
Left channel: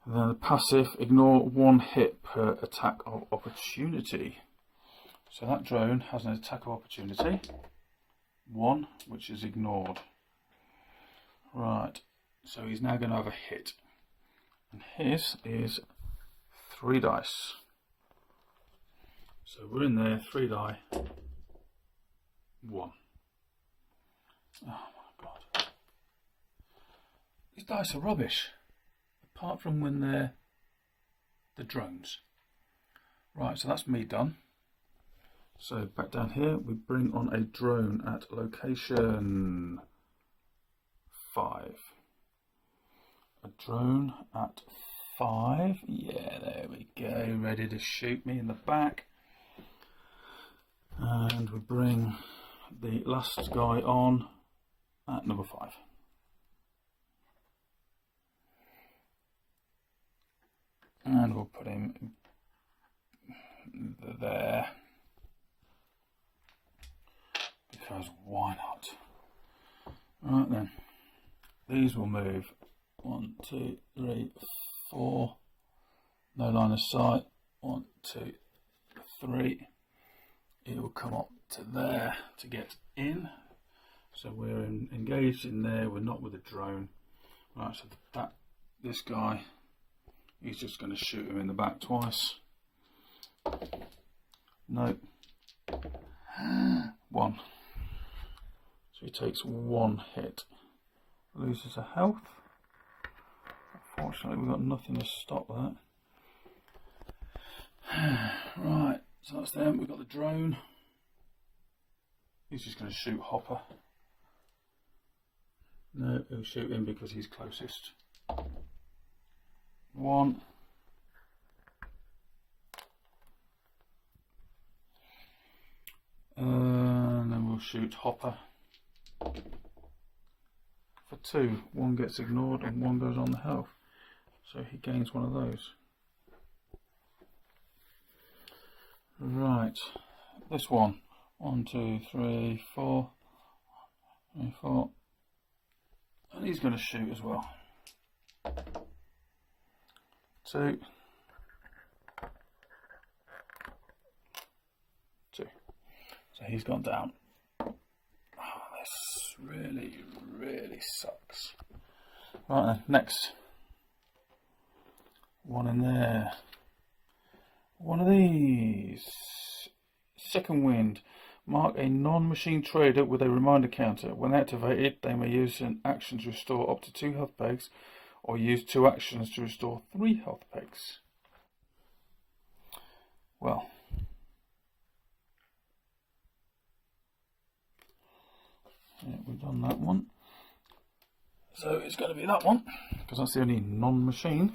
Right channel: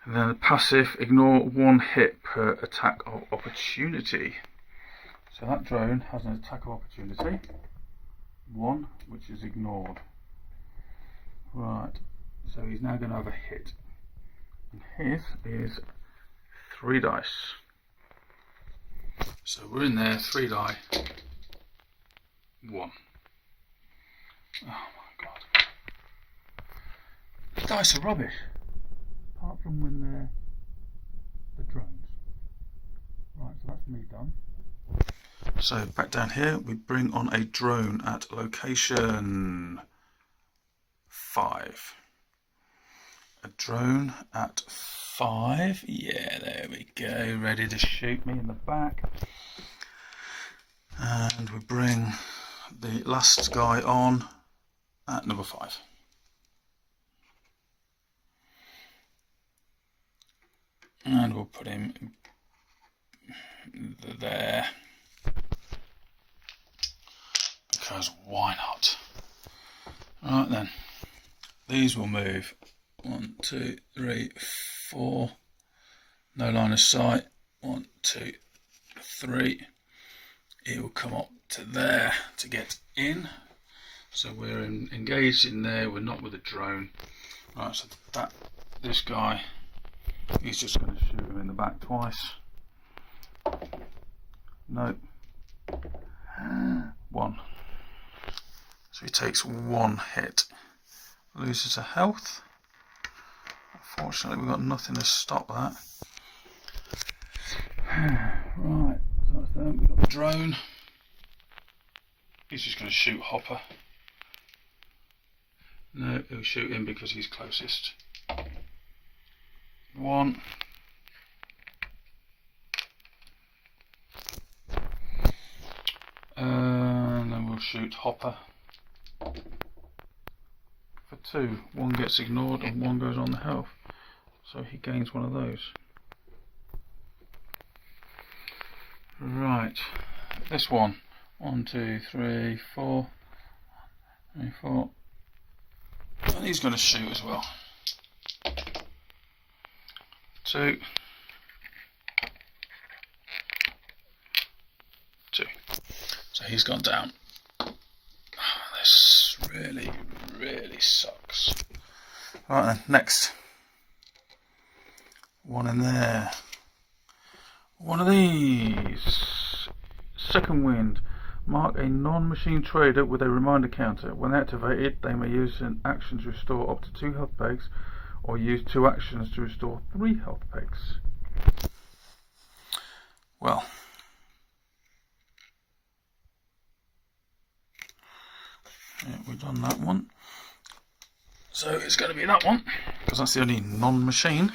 And then the passive, ignore 1 hit per attack of opportunity. So that drone has an attack of opportunity, 1, which is ignored. Right, so he's now going to have a hit. And his is 3 dice. So we're in there, 3 die, 1. Oh my god. The dice are rubbish. Apart from when they're the drones. Right, so that's me done. So back down here, we bring on a drone at location 5. a drone at 5. Yeah, there we go, ready to shoot me in the back. And we bring the last guy on at number 5. And we'll put him there, because why not? Right then, these will move 1, 2, 3, 4. No line of sight. 1, 2, 3. It will come up to there to get in. So we're engaged in there. We're not with a drone. Right. So this guy, he's just going to shoot him in the back twice. No. 1. So he takes 1 hit. Loses a health. Unfortunately, we've got nothing to stop that. Right, so that's them. We've got the drone. He's just going to shoot Hopper. No, he'll shoot him because he's closest. 1. And then we'll shoot Hopper for 2. 1 gets ignored and 1 goes on the health. So he gains 1 of those. Right, this one. 1, 2, 3, 4. 1, 3, 4. And he's going to shoot as well. 2. 2. So he's gone down. This really, really sucks. Right then, next. 1 in there. 1 of these. Second wind. Mark a non-machine trader with a reminder counter. When activated, they may use an action to restore up to 2 health pegs, or use 2 actions to restore 3 health pegs. Well, yeah, we've done that one. So it's going to be that one, because that's the only non-machine.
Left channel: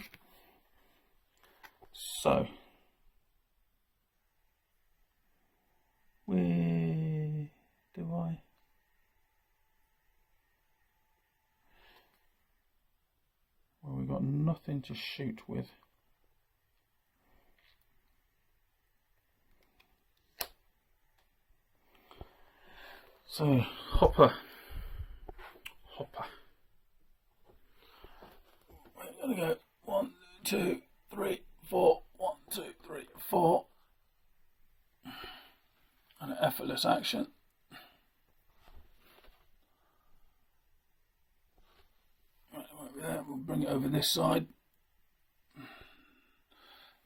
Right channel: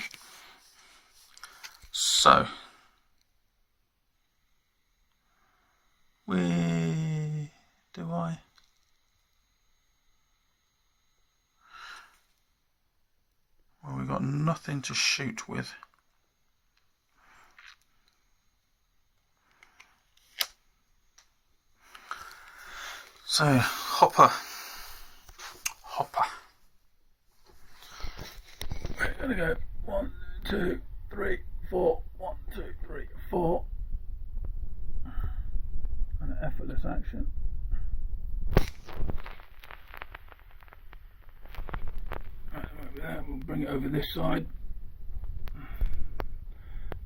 So well, we've got nothing to shoot with. So Hopper. We're gonna go 1, 2, 3, 4. 1, 2, 3, 4. And an effortless action. Right, there. We'll bring it over this side.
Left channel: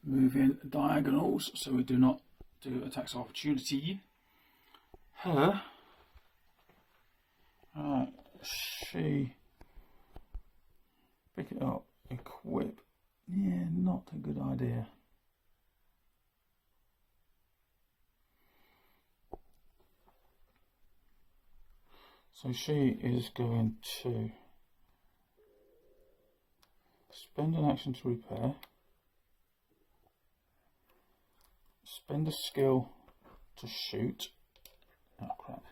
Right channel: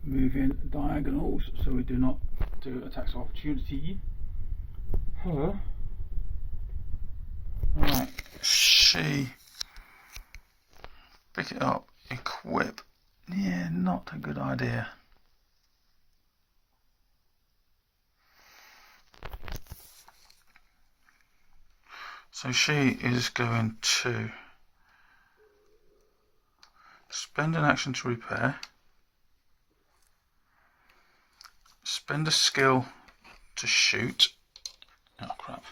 Move in diagonals so we do not do attacks of opportunity. Her. Right, she. Pick it up, equip. Yeah, not a good idea. So she is going to spend an action to repair, spend a skill to shoot. Oh crap.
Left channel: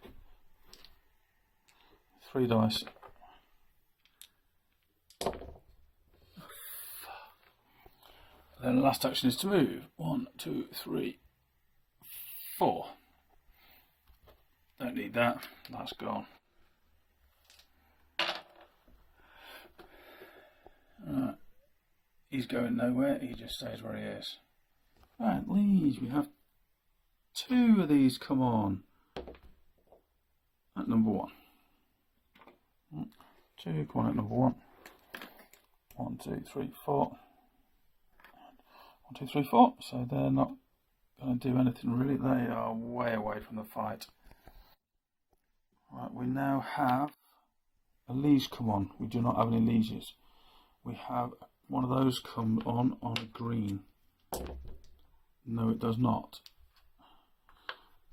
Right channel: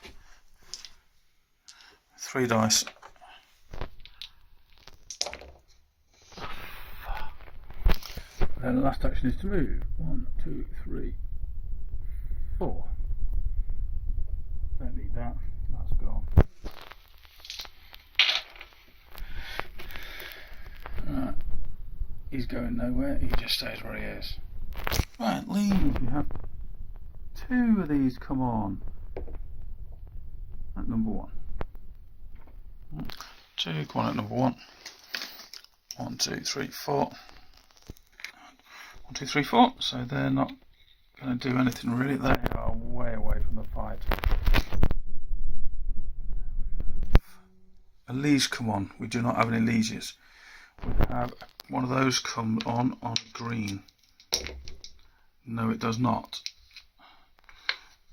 3 dice. Then the last action is to move. 1, 2, 3, 4. Don't need that. That's gone. Right. He's going nowhere. He just stays where he is. Right, leads. We have 2 of these come on at number 1. 2 come on at number 1. 1, 2, 3, 4. 1, 2, 3, 4. So they're not going to do anything really. They are way away from the fight. Right, we now have a liege come on. We do not have any lieges. We have one of those come on a green. No, it does not.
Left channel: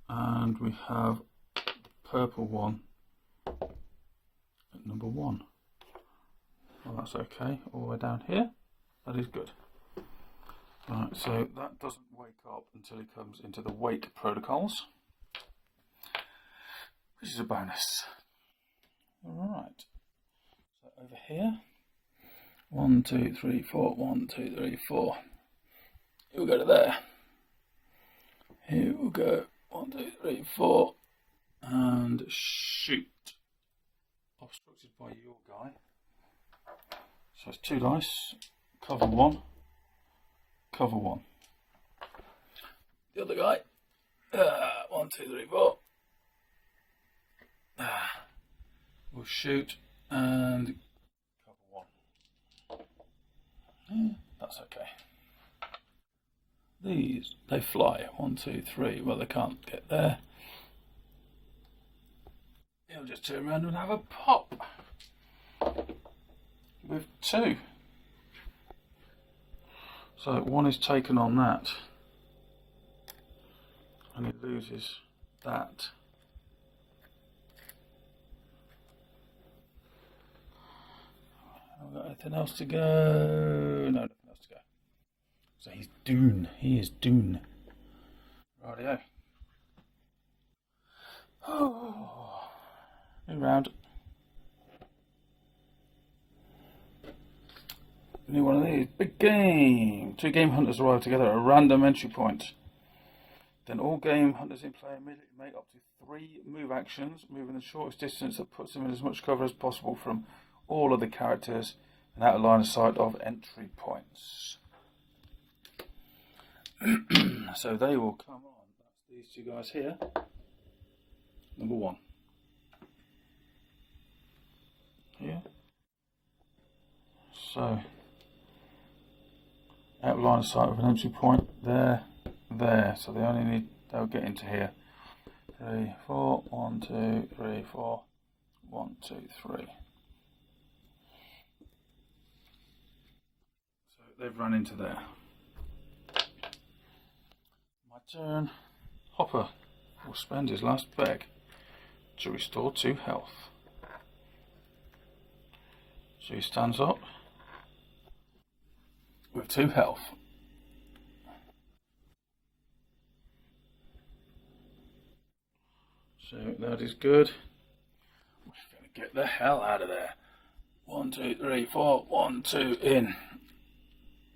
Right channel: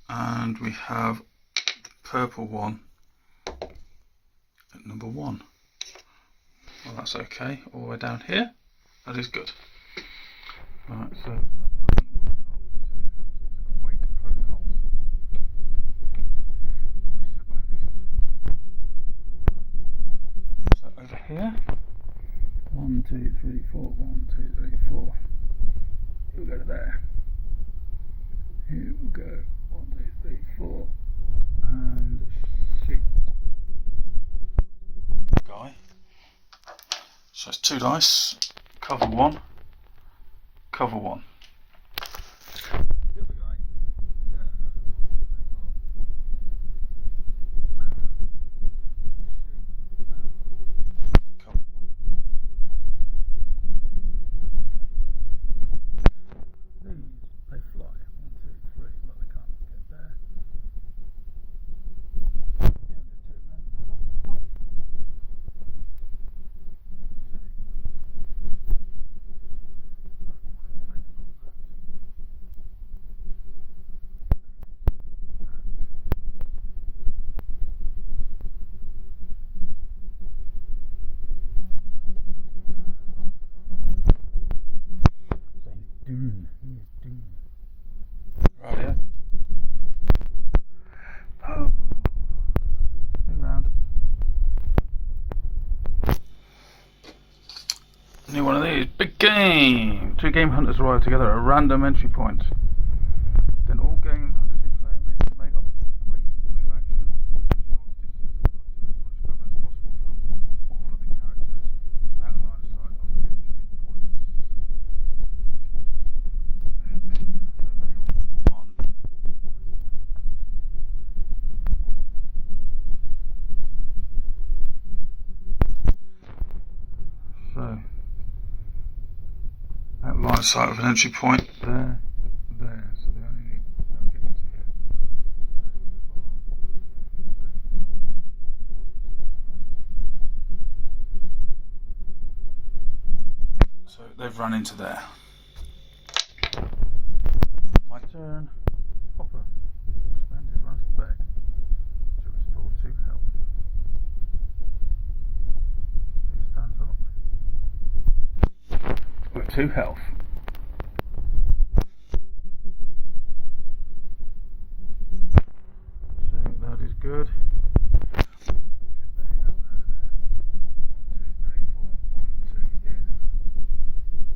And we have the purple one at number 1. Well, that's okay. All the way down here. That is good. Right, so that doesn't wake up until he comes into the wake protocols, which is a bonus. Alright. So over here. 1, 2, 3, 4. 1, 2, 3, 4. We'll go to there. Here we'll go. 1, 2, 3, 4. And shoot. Obstructed by you, guy. So it's 2 dice. Cover 1. Cover 1. The other guy. 1, 2, 3, 4. We'll shoot and cover 1. That's okay. These, they fly. 1, 2, 3. Well, they can't get there. He'll just turn around and have a pop with 2. So 1 is taken on that, and he loses that. Haven't got anything else to go. No, nothing else to go. So he's Dune. He is Dune. Rightio. Oh, new round. New one of these. Big game! 2 game hunters arrive together at a random entry point. Then all game hunters in play immediately make up to 3 move actions, moving the shortest distance that puts them in as much cover as possible from all of the characters and out of line of sight of entry points. So they will come on. These 2 guys here. Number 1. Here. So out of line of sight of an entry point there, there. So they'll get into here. 3, 4, 1, 2, 3, 4, 1, 2, 3. So they've run into there. My turn. Hopper will spend his last peg to restore 2 health. So he stands up with 2 health. So that is good. I'm just going to get the hell out of there. 1, 2, 3, 4. 1, 2 in.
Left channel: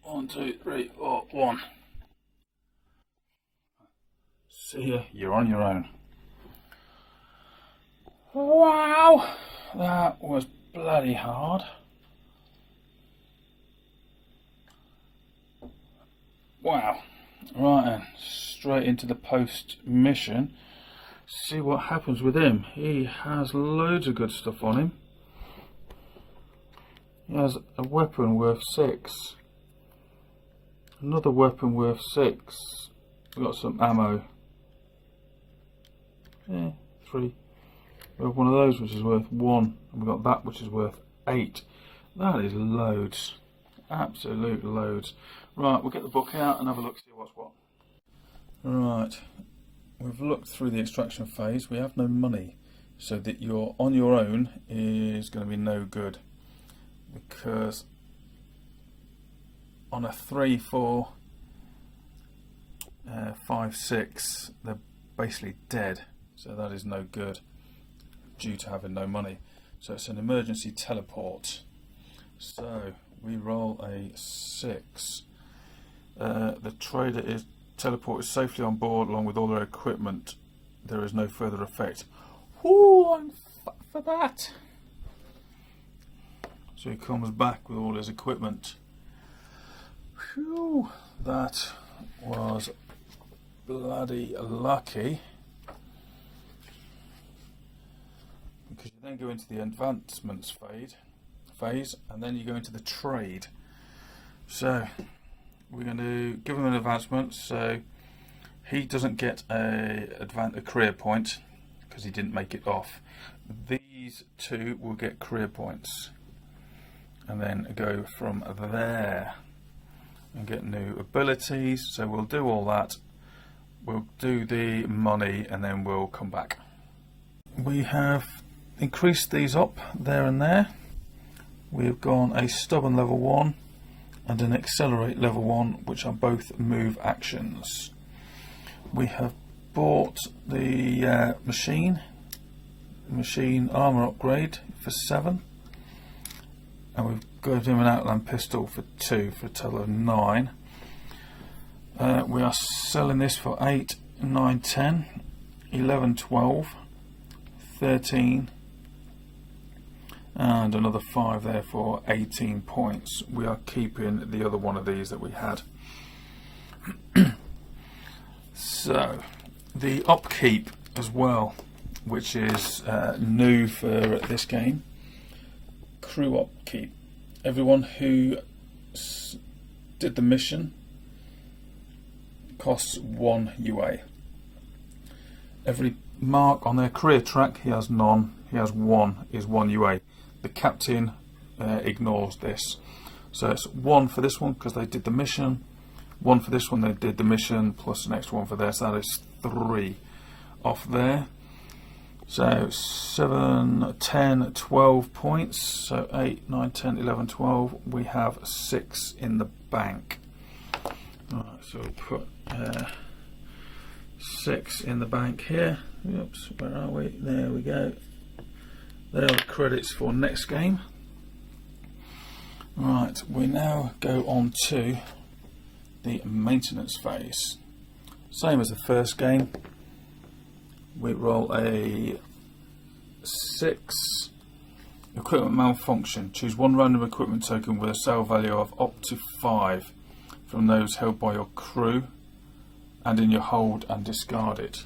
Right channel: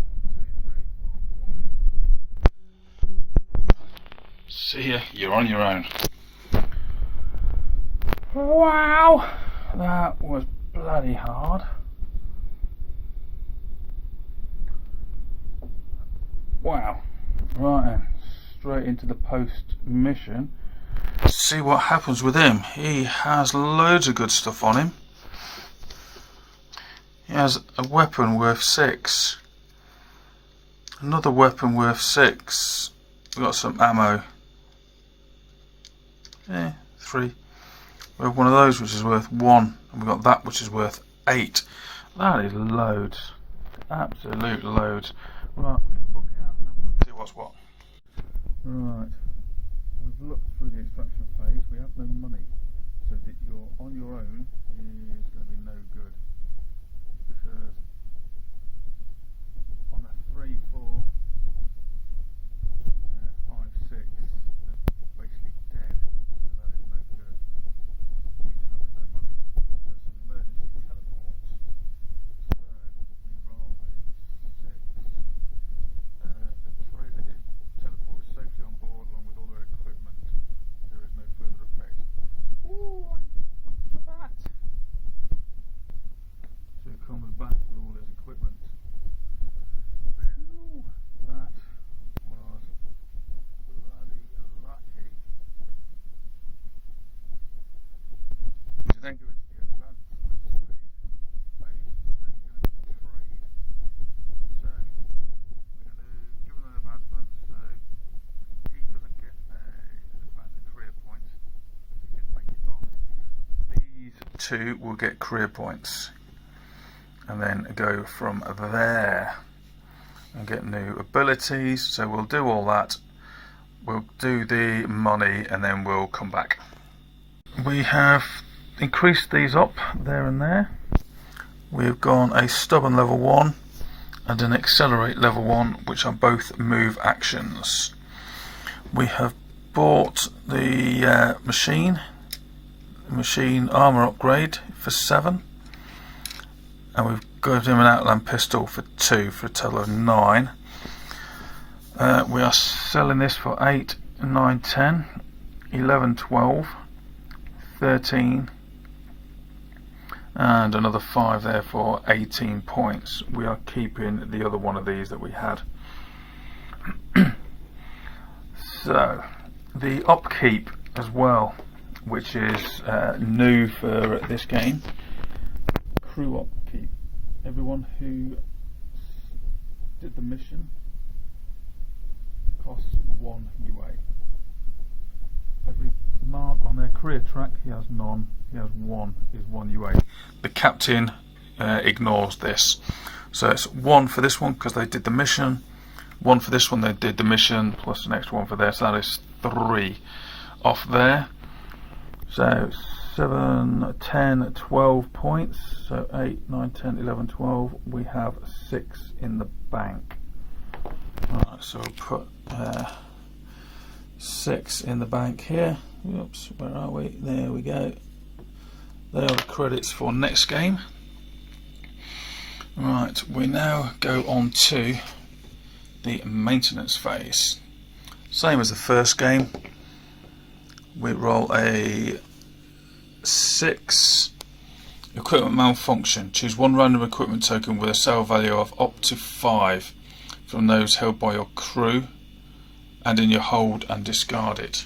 1, 2, 3, 4. 1. See ya. You're on your own. Wow, that was bloody hard. Wow. Right then, straight into the post mission. See what happens with him. He has loads of good stuff on him. He has a weapon worth 6. Another weapon worth 6. We've got some ammo. 3. We have one of those which is worth 1. And we've got that which is worth 8. That is loads. Absolute loads. Right, we'll get the book out and have a look, see what's what. Right, we've looked through the extraction phase. We have no money, so that you're on your own is going to be no good, because on a 3, 4, 5, 6, they're basically dead, so that is no good due to having no money. So it's an emergency teleport. So we roll a 6. The trader is teleported safely on board along with all their equipment. There is no further effect. Ooh, I'm fucked for that. So he comes back with all his equipment. Phew, that was bloody lucky. Because you then go into the advancements phase, and then you go into the trade. So we're going to give him an advancement, so he doesn't get a career point because he didn't make it off. These 2 will get career points, and then go from there and get new abilities. So we'll do all that. We'll do the money, and then we'll come back. We have increased these up there and there. we've gone a stubborn level 1 and an accelerate level 1, which are both move actions. We have bought the machine armour upgrade for 7, and we've got him an outland pistol for 2 for a total of 9. We are selling this for 8, 9, 10, 11, 12, 13, and another 5 there for 18 points. We are keeping the other one of these that we had. So the upkeep as well, which is new for this game. Crew upkeep. Everyone who did the mission costs 1 UA. Every mark on their career track, he has none, he has 1, is 1 UA. The captain ignores this. So it's 1 for this one because they did the mission, 1 for this one they did the mission, plus the next one for there, so that is 3 off there. So 7, 10, 12 points, so 8, 9, 10, 11, 12, we have 6 in the bank. Alright, so we'll put 6 in the bank here. Oops, where are we? There we go. There are the credits for next game. Right, we now go on to the maintenance phase. Same as the first game. We roll a 6 equipment malfunction. Choose 1 random equipment token with a sale value of up to 5 from those held by your crew and in your hold, and discard it.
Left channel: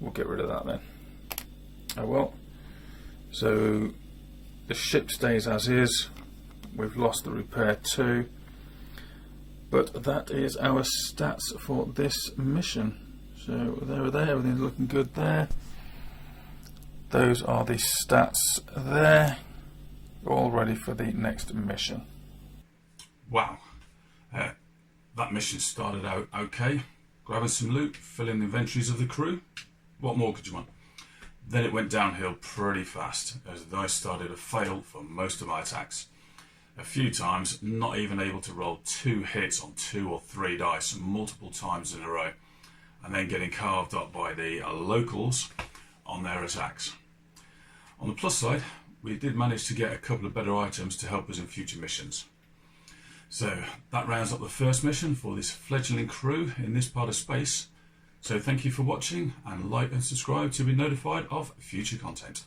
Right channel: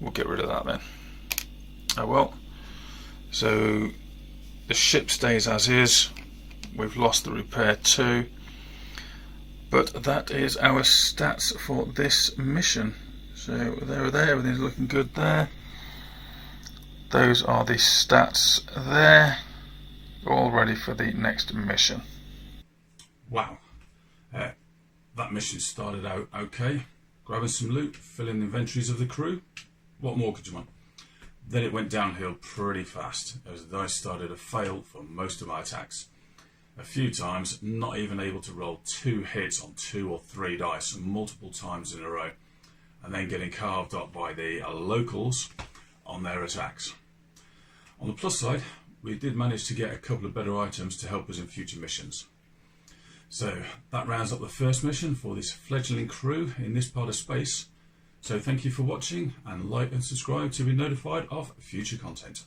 We'll get rid of that then. Oh well. So the ship stays as is. We've lost the repair 2. But that is our stats for this mission. So there, everything's looking good there. Those are the stats there. All ready for the next mission. Wow. That mission started out okay. Grabbing some loot, filling the inventories of the crew. What more could you want? Then it went downhill pretty fast as the dice started to fail for most of my attacks. A few times not even able to roll 2 hits on 2 or 3 dice multiple times in a row, and then getting carved up by the locals on their attacks. On the plus side, we did manage to get a couple of better items to help us in future missions. So that rounds up the first mission for this fledgling crew in this part of space. So thank you for watching, and like and subscribe to be notified of future content.